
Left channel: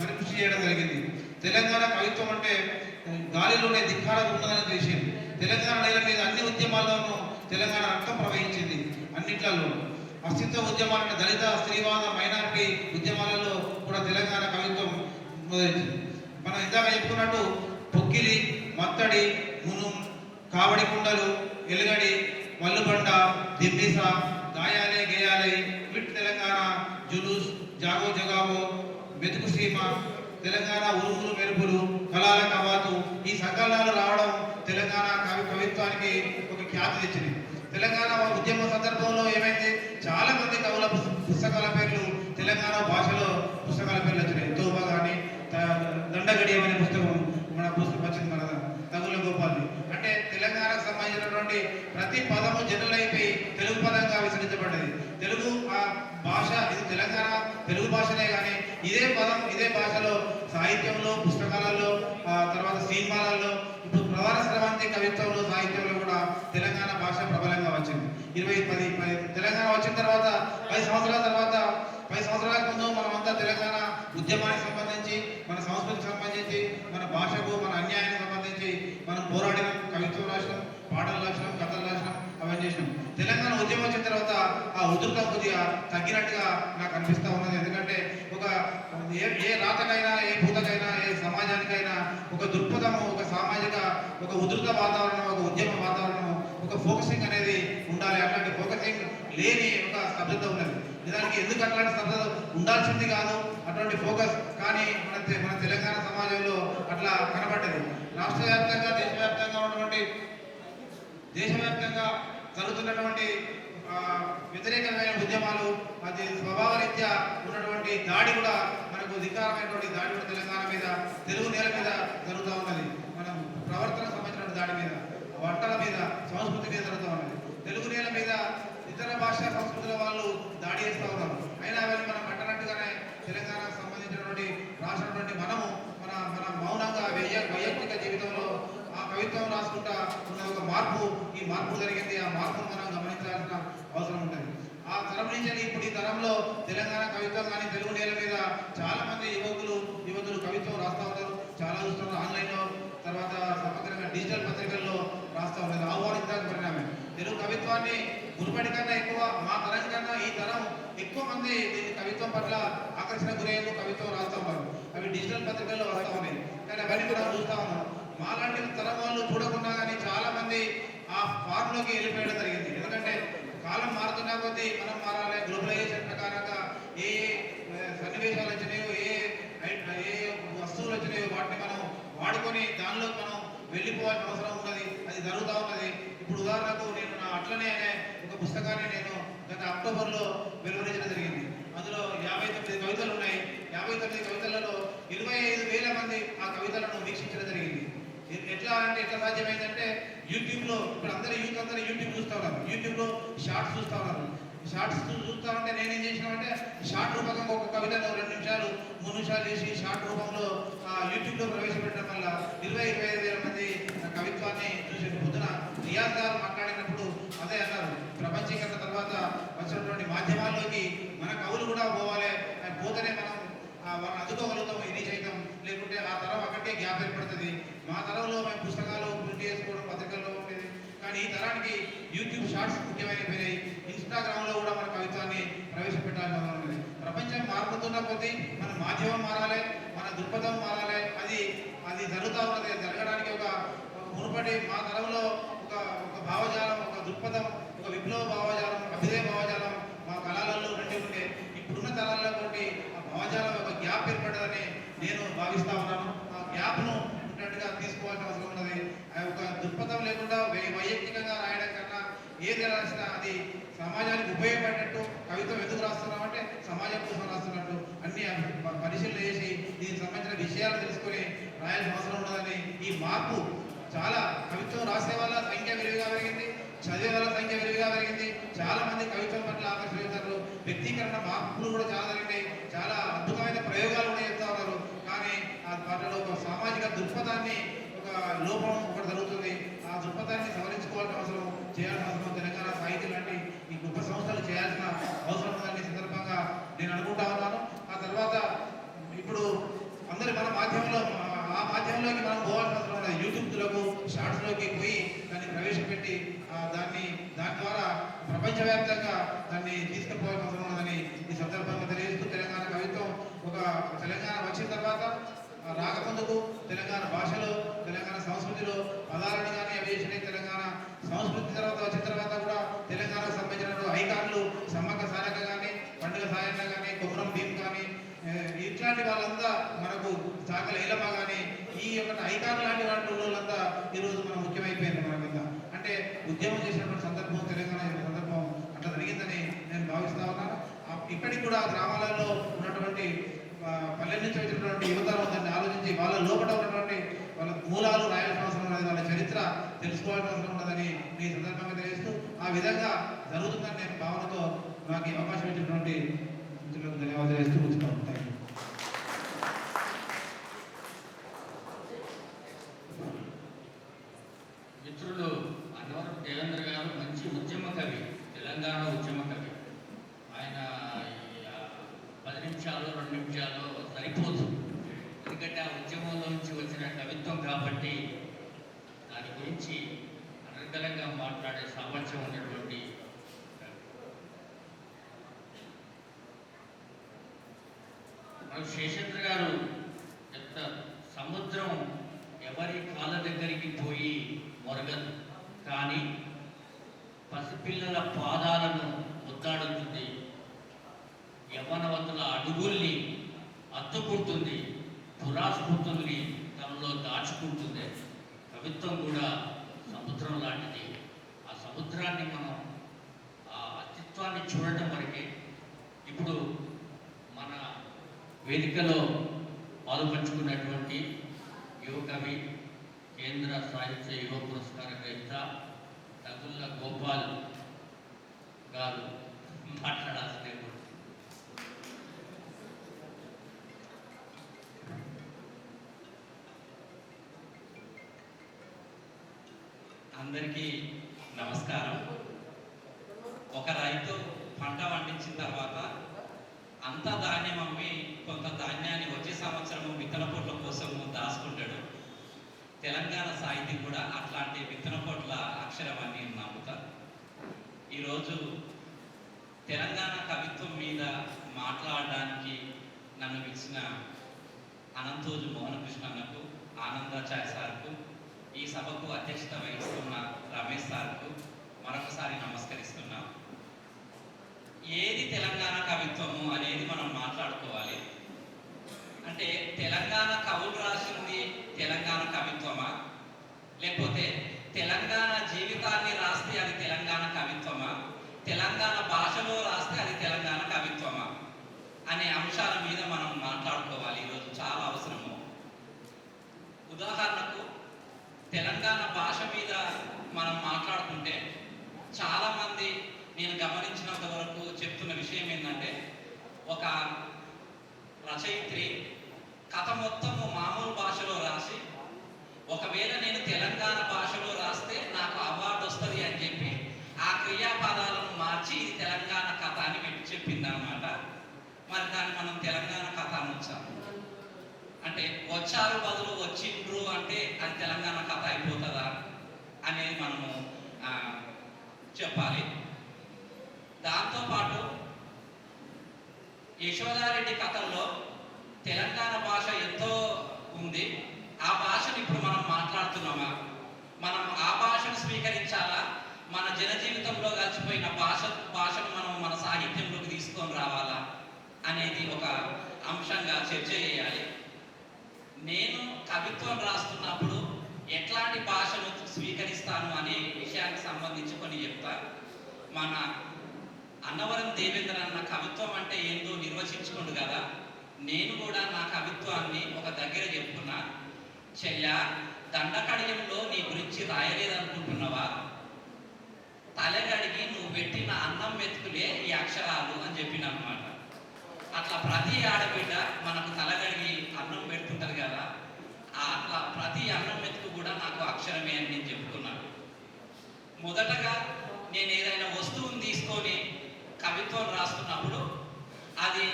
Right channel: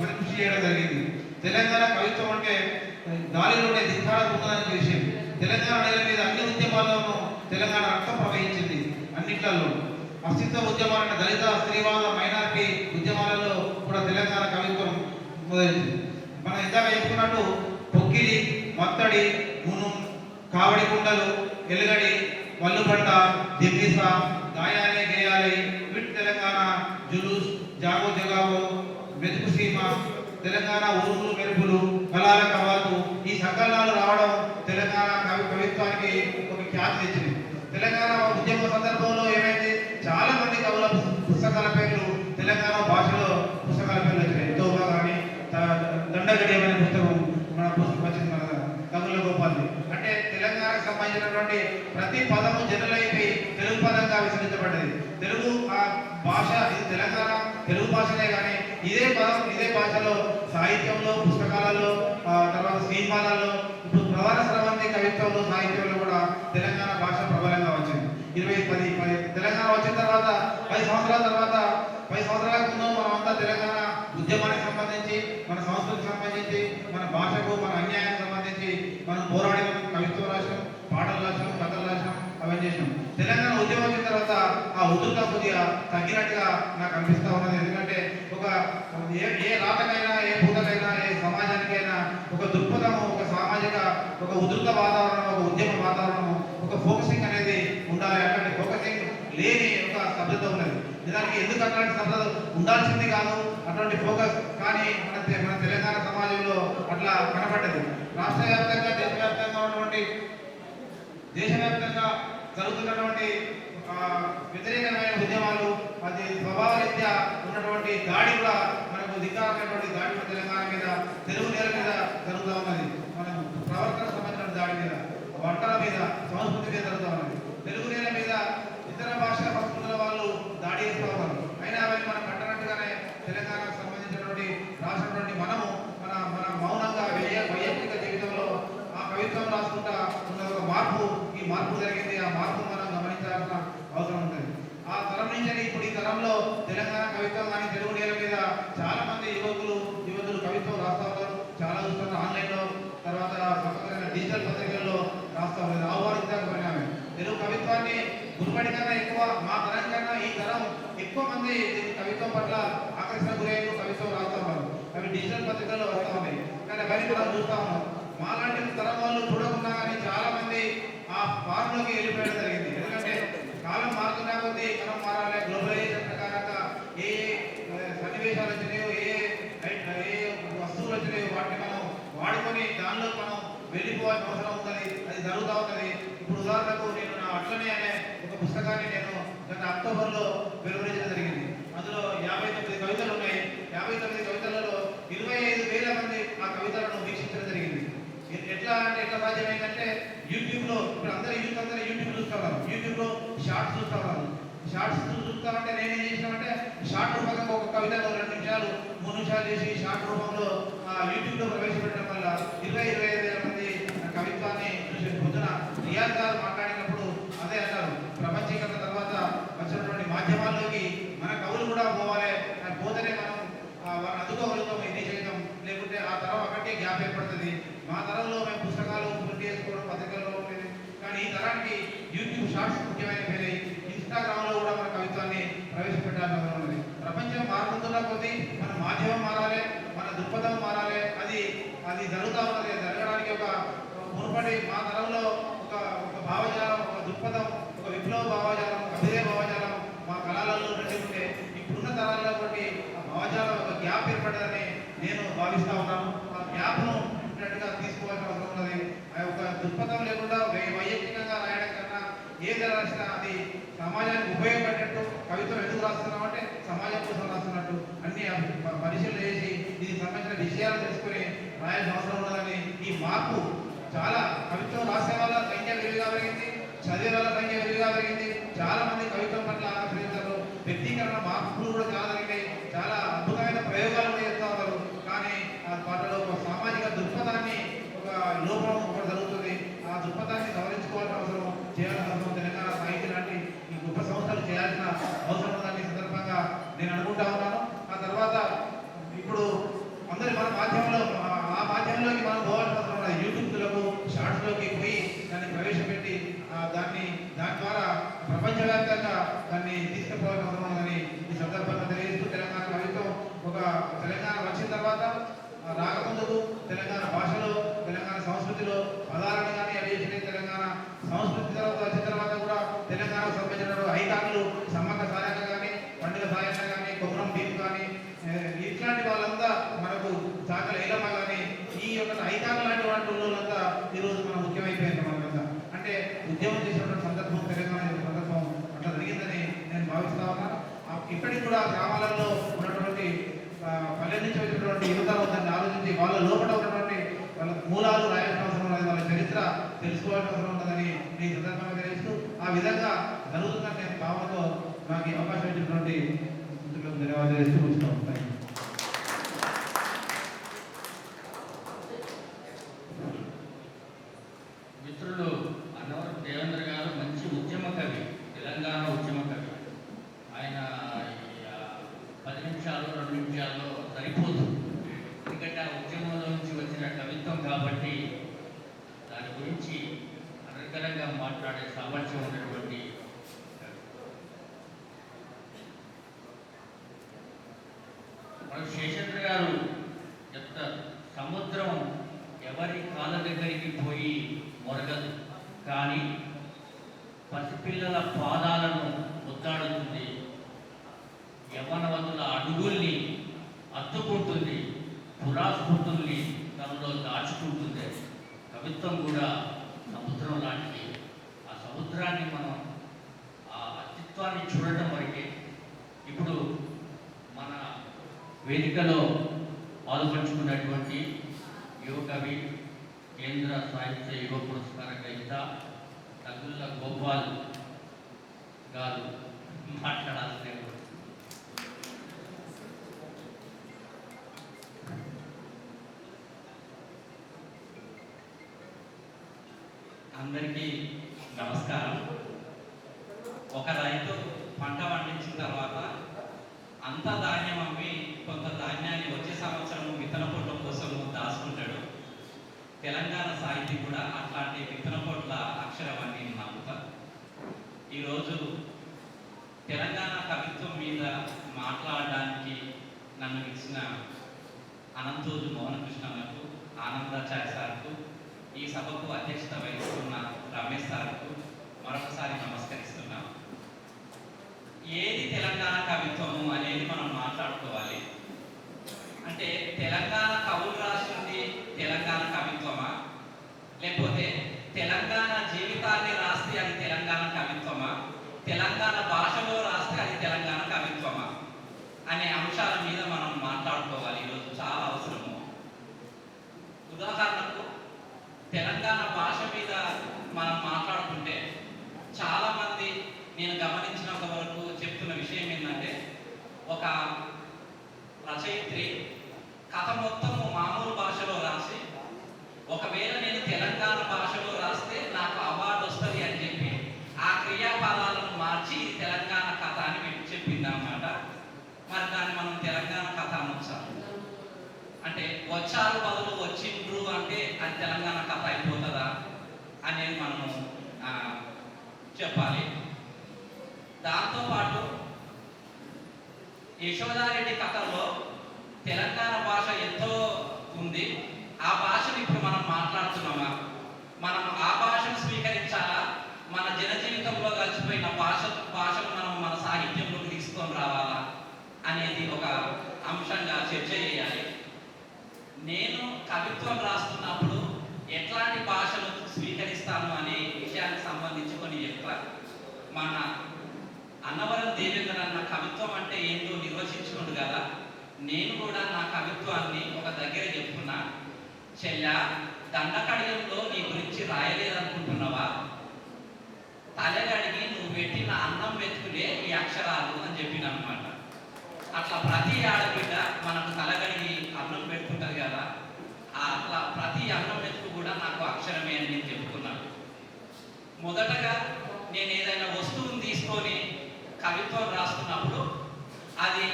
కృషి చేయడం జరిగింది. తెలంగాణ కవిత్వం అంటే గాలిలోనే ధిక్కార ఉందని విషయం. తెలంగాణ నేల మీద అన్ని ఉద్యమాల్లోనూ తెలంగాణ రక్తం ప్రవహించింది. అన్నిట్లలో అస్తిత్వ ఉద్యమాలను, దళిత, స్త్రీవాద, మైనారిటీ ఉద్యమాలలో కూడా తెలంగాణ కవిత్వం మొదలైంది. మనం ఇందాక చెప్పుకున్నట్టు పొక్కిలి, మత్తడి, మును, కావడి కుండలు, ఎలుగడి, వల్లుబండ, దిమ్మిస, దాయాలే గేయాలే, విట్ తెలంగాణ, జులూస్, జాగో జగావో, మెతుకు సీమ, తెలంగాణ ఉరుములు మెరుపులు, కళాల కవాతు, ఈ సంకలనాలు రావడం తెలంగాణ కవిత్వానికి ఒక ఖ్యాతి తెచ్చింది. తెలంగాణ ఉద్యమ సందర్భంలో ఏమైంది, చాలా మంది కవుల పుస్తకాల పేర్లు తెలంగాణ భాషలో పుస్తకాల పేర్లు వచ్చినాయి. తోబా కానీ, దండగడియం అనే పుస్తకం మన పుస్తకం వచ్చింది, మన తగుల గోపాల్. అంటే తెలంగాణకు సంబంధించినటువంటి ప్రతి పదము జనరల్ అయిపోయి తెలుగు పదంగా విసరించబడ్డది. తెలుగు ఆ భాష, ఇది తెలంగాణ తెలుగు భాషలే కానీ ఇదే పదం, ఇదే భాషలో సాహిత్యంలో, పుస్తకాలలో, తర్వాత సినిమాలలో, ఇప్పుడు ప్రధాన స్రవంతి కవిత్వంలో, సాహిత్యంలో కూడా తెలంగాణ భాష ప్రబలంగా వచ్చింది. 10 తెలంగాణ వచ్చిన తర్వాత 10 సంవత్సరాల తర్వాత, 10 సంవత్సరాల ముందు మనమంతా తెలంగాణ ఉద్యమానికి సంబంధించి, మన సంస్కృతికి సంబంధించి, మన భాషకు, మన అన్యాయానికి సంబంధించి మనం పోరాడినాం, కవిత్వం రాసినాం, పాటలు రాసినాం, కథలు రాసినాం, అవన్నీ చేసినాం. తెలంగాణ ఉద్యమం వచ్చిన తర్వాత ఆ ఉధృత కొద్దిగా తగ్గినట్టుగా నాకు అనిపిస్తూ ఉన్నది. ఎందుకంటే ఒక ఏ రాతకైనా, ఏ భూతకైనా, ఏ సమాజానికైనా ఒక దృక్పథము, ఒక సామాజిక, ఒక ఉధృత వాతావరణం, ఒక ఉద్యమ వాతావరణం, ఒక ఫోకసింగ్ అనేది ఉండాలి. అట్లాంటి ఫోకసింగ్ లేని ఒక స్తబ్దత ఉన్నది. నిజానికి ఎందుకు అట్లాంటి స్తబ్దత ఉండాల్సింది కాదు, అటువంటి ఫోకస్ కానీ మన తెలంగాణ సమాజంలో అట్లా కనబడ్డది. రాష్ట్ర వ్యాప్తంగా, దేశవ్యాప్తంగా జరుగుతున్నటువంటి వ్యతిరేకమైన ఉద్యమాలు, అది స్వభావరీత్యా ఉన్నటువంటి దాడి కూడా, మనకు ధిక్కారమైనటువంటి దాడి కూడా తెలంగాణ మీద, తెలుగు నేల మీద జరుగుతూ ఉన్నది. మనం ప్రవర్తన సంబంధించిన దాడి మీద, వంటల మీద, సంస్కృతి మీద జరుగుతూ ఉన్నది. తెలుగు నేల మీద ఇతర భాషా సంస్కృతుల వాళ్ళు దాడి చేస్తూ ఉన్నారు. అయినా అవన్నీ మనం కట్టనట్టుగానే తెలంగాణకు సంబంధించినటువంటి రాసినటువంటి మనము మన మౌనంగా వైయక్తిక జీవితంలో ఆ కవిత్వం రాసుకుంటా ఉన్న ఒక మార్పు, ఈ మార్పు జరిగింది. ఆ మార్పు మనం గమనించాల్సిన అవసరం ఉంటుంది. ఆ తరం నుంచి ఇప్పుడు ఈ తరంలో తెలంగాణ కవిత్వం కానీ, తెలుగు నేల మీద చాలా మంది యువతులు కవిత్వం రాస్తూ ఉన్నారు. చాలా చూస్తున్నారు ఆన్లైన్లో ఎక్కువ మంది ఈ కవిత్వం పట్ల ఆకర్షణ గురయ్యారు, కవిత్వం రాస్తా ఉన్నారు. అవి డిజిటల్ పత్రికల్లో వస్తూ ఉన్నాయి. కానీ అవన్నీ కూడా చూస్తూ ఉన్నాం. మాలాంటి తరం వాళ్ళు చూడకుండా కానీ చాలా మంది ఆ ఫార్మ్లోకి వెళ్ళిపోయడం జరిగింది. ఎందుకంటే కాలం మారుతున్నా కొద్దీ మనం మారాలి. గ్లోబలైజేషన్ ప్రకారంగా ఏ సన్నివేశాలు వచ్చినాయో, ఏ వస్తువులు వచ్చినాయో వాటిని మనం వాడుకొని దానిలో మనం వెళ్ళిపోవాల్సిన అవసరం ఉన్నది. అది జరుగుతూ ఉన్నది. ఇప్పుడు ఉదాహరణకు నేను నా అట్లనే అనే ఒక పుస్తకాన్ని నేను గత అక్టోబర్లో వెలువరించడం జరిగింది. అందులో 59 కవితలు ఉన్నాయి. 59 కవితలలో 25,000 మంది ఆ కవితలను వీక్షించడం జరిగింది. ఎట్లా సాధ్యమైందంటే యూట్యూబ్లో ఇప్పుడు అందరూ యూట్యూబ్ చూస్తూ ఉన్నారు. యూట్యూబ్లో షార్ట్స్ చూస్తూ ఉన్నారు. షార్ట్స్ చూస్తామంటే నేనేం చేసినామంటే షార్ట్ రూపంగా ఒక కవితను 2 నిమిషాలు 3 నిమిషాలు చేసి షార్ట్ రూపంలో యూట్యూబ్లో ప్రవేశపెట్టడం వల్ల 25,000 మంది కవిత్వాన్ని చూసి పొద్దున రియాజ్ గారు మాట్లాడినప్పుడు అదే అన్నారు. ప్రపంచీకరణ తర్వాత వచ్చినటువంటి మాధ్యమాల్లోకి మన కవులు కూడా పోవాలి, పోతేనే మనం వాళ్ళని అందుకోగలుగుతాం ఎన్ని చేయటం, లేకుంటే ఆ తరం అక్కడికే గ్యాప్ ఏర్పడుతుంది. మా తరంలో మేము పుస్తకాలు ప్రింట్ చేసుకోవడం పత్రికల్లో ఉండేది. కానీ ఈ తరానికి యూట్యూబ్ షార్ట్స్ ముఖ్యమైనవి. ఇన్స్టాగ్రామ్లో కూడా మన కవిత్వాన్ని ప్రవేశపెట్టాలని ఉన్నది. ప్రపంచం మారుతున్న కొద్దీ మన మాధ్యమం మారాలి, మన దృక్పథం మారాలి. అది జరుగుతూ ఉన్నది. జరగడానికి ఒక మునుపటి మా తరంలో ఒక భావజాలం, ఒక దృక్పథం, ఒక విప్లవ భావజాలం, అభినయ భావజాలం మా కళలలో ఉండే ఇప్పుడున్న తరాల్లో బట్టి ఆ భావజాలం ఒక గ్యాప్ ఏర్పడదని నేను భావిస్తూ ఉన్నాను. ఆ గ్యాప్ను తీసుకోవాల్సిన అవసరం ఉన్నది. ఆ యొక్క దృక్పథం లేకుండా వైయక్తికంగా రాయడం కన్నా ఏది రాసినా అది సమాజానికి ఉపయోగపడేటట్టు. కవిత్వం ఎందుకు రాస్తున్నాం అంటే సమాజం కోసం రాస్తున్నట్టు అన్ని పరిశీలన చేసి దీనికి సంబంధించిన విషయాలు తెలుసుకుని రాయాల్సిన అవసరం ఉన్నదని ఈ మార్పు చాలా కవిత్వం రాసే వాళ్ళ సంఖ్య విరివిగా పెరిగింది, చదివే వాళ్ళ సంఖ్య విరివిగా పెరిగింది. చాలా మంది కవిత్వం పట్ల ఆకర్షించారు. వ్యక్తీకరణ మార్పులు కూడా చాలా జరిగినాయి. చాలా అద్భుతమైన ప్రయోగాలు కూడా చేస్తూ ఉన్నారు. కానీ ఆ వాటిలో ఒక సామాజిక దృక్పథాన్ని ఒక లోపం ఒకటి జరుగుతుంది. ఆ దృక్పథాన్ని సవరించుకోవాల్సిన అవసరం, చేయాల్సిన అవసరం తెలంగాణ సాహిత్య లాంటి ఈ గొప్ప సంస్థలు చేయాల్సిన అవసరం ఉందని సందర్భంగా నేను అనుకుంటా ఉన్నాను. ఆ తర్వాత ఇప్పుడు అందరి మన మాధ్యమంలో ఆ మాధ్యమంలోకి మనం పోవాల్సిన అవసరం ఉన్నది. యూట్యూబ్లకు షార్ట్స్లోకి పోయి దాన్ని ప్రవేశపెట్టి దాని ద్వారా ప్రపంచవ్యాప్తంగా దాన్ని తీసుకుపోవాల్సిన అవసరం ఉన్నదని ఈ సందర్భంగా తెలియజేస్తూ తెలంగాణ కవిత్వం తెలంగాణ వచ్చిన తర్వాత రాకముందుకు తెలంగాణ భాషలో, తెలంగాణ సంస్కృతిలో పదాలను కానీ అవి చేసిన తెలంగాణ సంస్కృతి తర్వాత వచ్చిన తర్వాత కూడా తెలంగాణకు సంబంధించిన ఐకాన్లు సమ్మక్క సారక్క కానీ, పండుగ సాయన్న కానీ, కొమరం భీమ్ కానీ, ఇట్లాంటి వాళ్ళంతా మనకు చాకల ఏలమ్మ కానీ ఈ యొక్క ఐకాన్ లాంటి వాళ్ళంతా ఈరోజు మనం ముఖ్యమైపోయింది. మనకంతా అంటే ఉద్యమం చేసినటువంటి సందర్భం తెలంగాణ సందర్భం అట్లా జరిగిందని నేను భావిస్తా ఉన్నాను. ఇక్కడికి కూడా గ్రామాలలో ఉన్నటువంటి పల్లె నుంచి వచ్చినటువంటి యువత దాన్ని ఆలోచించి వాళ్ళ లోపల ఉన్నటువంటి వాళ్ళ మూలాలు రాయాల్సిన అవసరం ఉన్నది, వాళ్ళ చరిత్ర తెలుసుకోవాల్సిన అవసరం ఉన్నదని ఈ సందర్భంగా తెలియజేస్తూ ఆ విధంగా జరుగుతుందని నేను భావనతో నాకు ఈ అవకాశం ఇచ్చినటువంటి మిత్రులకు ధన్యవాదాలు తెలియజేస్తూ ఉంచుతాను. మిత్రులు అన్నవరం దేవేంద్ర గారు మంచి ఉద్యమ కవి, తెలంగాణ ఉద్యమ కవి. ఆయన 10 నిమిషాలు 2 నిమిషాల్లో సరిపోతుంది. ఎందుకంటే ఆ ఉద్యమంలో నుంచి వచ్చిన కవిత్వం కాబట్టి దాని గురించి అనర్గళంగా మాట్లాడే సామర్థ్యం ఉన్నటువంటి మన శేషేంద్ర గారు చెప్తారు, సముద్రం ఎవరి కాళ్ళ దగ్గరికి పోయి మొరగదు, కానీ పసిపిల్లల పాదాలను ముద్దాడుతుంది, యవ్వనవంతుల అడుగుల్ని అత్తుకుంటుంది, పురాస్మృతుల్ని తనలో దాచుకుంటుంది. కవిత్వం కూడా సముద్రం లాంటిది. ఆ సముద్రాన్ని మనం ఆ అస్తిత్వాన్ని చూడటం వరకే. ఇప్పుడు మన వేదికలో పాల్పంచుకున్నటువంటి యువకవి, కేంద్ర సాహిత్య యువ పురస్కార గ్రహీత తగుళ్ళ గోపాల్ గారు మాట్లాడాల్సిన అందరికీ నమస్కారం. ఒక రైతు పంట పండించిన తర్వాత అంత ధాన్యం అమ్మి కొంత ధాన్యాన్ని వచ్చే సంవత్సరం విత్తన పొట్ల కోసం దాచుకుంటాడు. తెలంగాణ సాహితీ కూడా అట్లాంటి విత్తన పొట్ల అక్షరం అని నమ్ముతారు. ఈరోజు తెలంగాణ కవిత్వం మీద మాట్లాడడానికి నన్ను పిలిచిన అనంతూరు మోహనకృష్ణన్నకు, ఆనందాచార్య సార్కు, ఈ సభకు అధ్యక్షత వహిస్తున్న రమేష్ సార్కు మరొకసారి నమస్కరిస్తున్నాం. ఏది తెలంగాణ కవిత్వము అనేది మనం మాట్లాడుకోవాలి. అంటే తెలంగాణ కవులు రాసింది తెలంగాణ కవిత్వమా, లేకపోతే తెలంగాణ జీవితాన్ని రాస్తే అది తెలంగాణ కవిత్వమా, తెలంగాణ భాషలో రాస్తే అది తెలంగాణ కవిత్వమా అనే అంశాల మీద మనం మాట్లాడుకోవాలి. ఈరోజు చాలా అవసరము. ఉదాహరణకు తెలంగాణ భాష మీద మనం మాట్లాడుకుంటే చాలామంది నేను గమనించినంత వరకు చెప్తున్న విషయం ఏంటంటే, ఒక రచయిత్రి కథ మొత్తము మామూలు భాషలో రాసి ఒకవేళ నేను తెలంగాణ భాషలో రాస్తే నాకు అవార్డు వస్తుంది అని చెప్పి ఆ క్రియాపదాలను మార్చి ఇది తెలంగాణ కథ అని చెప్పింది అనమాట. మరి దాన్ని మనం తెలంగాణ కథ అనొచ్చా? అంటే వచ్చారు బదులు వచ్చిండ్రు అంటే అది తెలంగాణ కథ అయిపోతుందా అనేది మనము చెప్పాలి. దాంతోపాటు యశోదారెడ్డి కథల్లో తెలంగాణ భాష ఎంతో ఉంది. ఆ భాషను ఇప్పుడు మనం మాట్లాడుతున్నామా, మనం ఆ భాషను స్వీకరించాలా, మన జనజీవితంలో కలిసిపోయిన భాషను మనం మన సాహిత్యంలోకి తీసుకొని రావాలా అనేది ఒక అంశంగా చర్చ చేయాలి. నేను కవిత్వం రాస్తున్నప్పుడు ఎట్లాంటి భాషను స్వీకరిస్తాను అనే విషయానికి సంబంధించి కొన్ని చెప్తాను. మన అన్నవరం దేవేంద్ర అన్న కవిత్వం అంటే ఏంటో నిర్వచించుకుంటు కదా, నేను కూడా నా కవిత్వాన్ని ఒక దగ్గర చెప్పుకున్నా. చెల్లా, దండకడియంలో నీ గురించి రాయలేదనుకుంటున్నావా, తలగడిగి నువ్వు పెట్టిన అన్నం వెతుకులే ఈ అక్షరాలు అని చెప్పిన అనమాట. అట్లా ప్రతి ఆడబిడ్డ మనకు తలగడిగి అన్నం పెడుతుంటది కదా, అట్లా ప్రతి అన్నం వెతుకు కూడా నాకు అక్షరమే అని నేను చెప్పుకున్నాను. మొదటగా నేను ఏదైనా వస్తువుని తీసుకొని కవిత్వం రాస్తున్నప్పుడు అది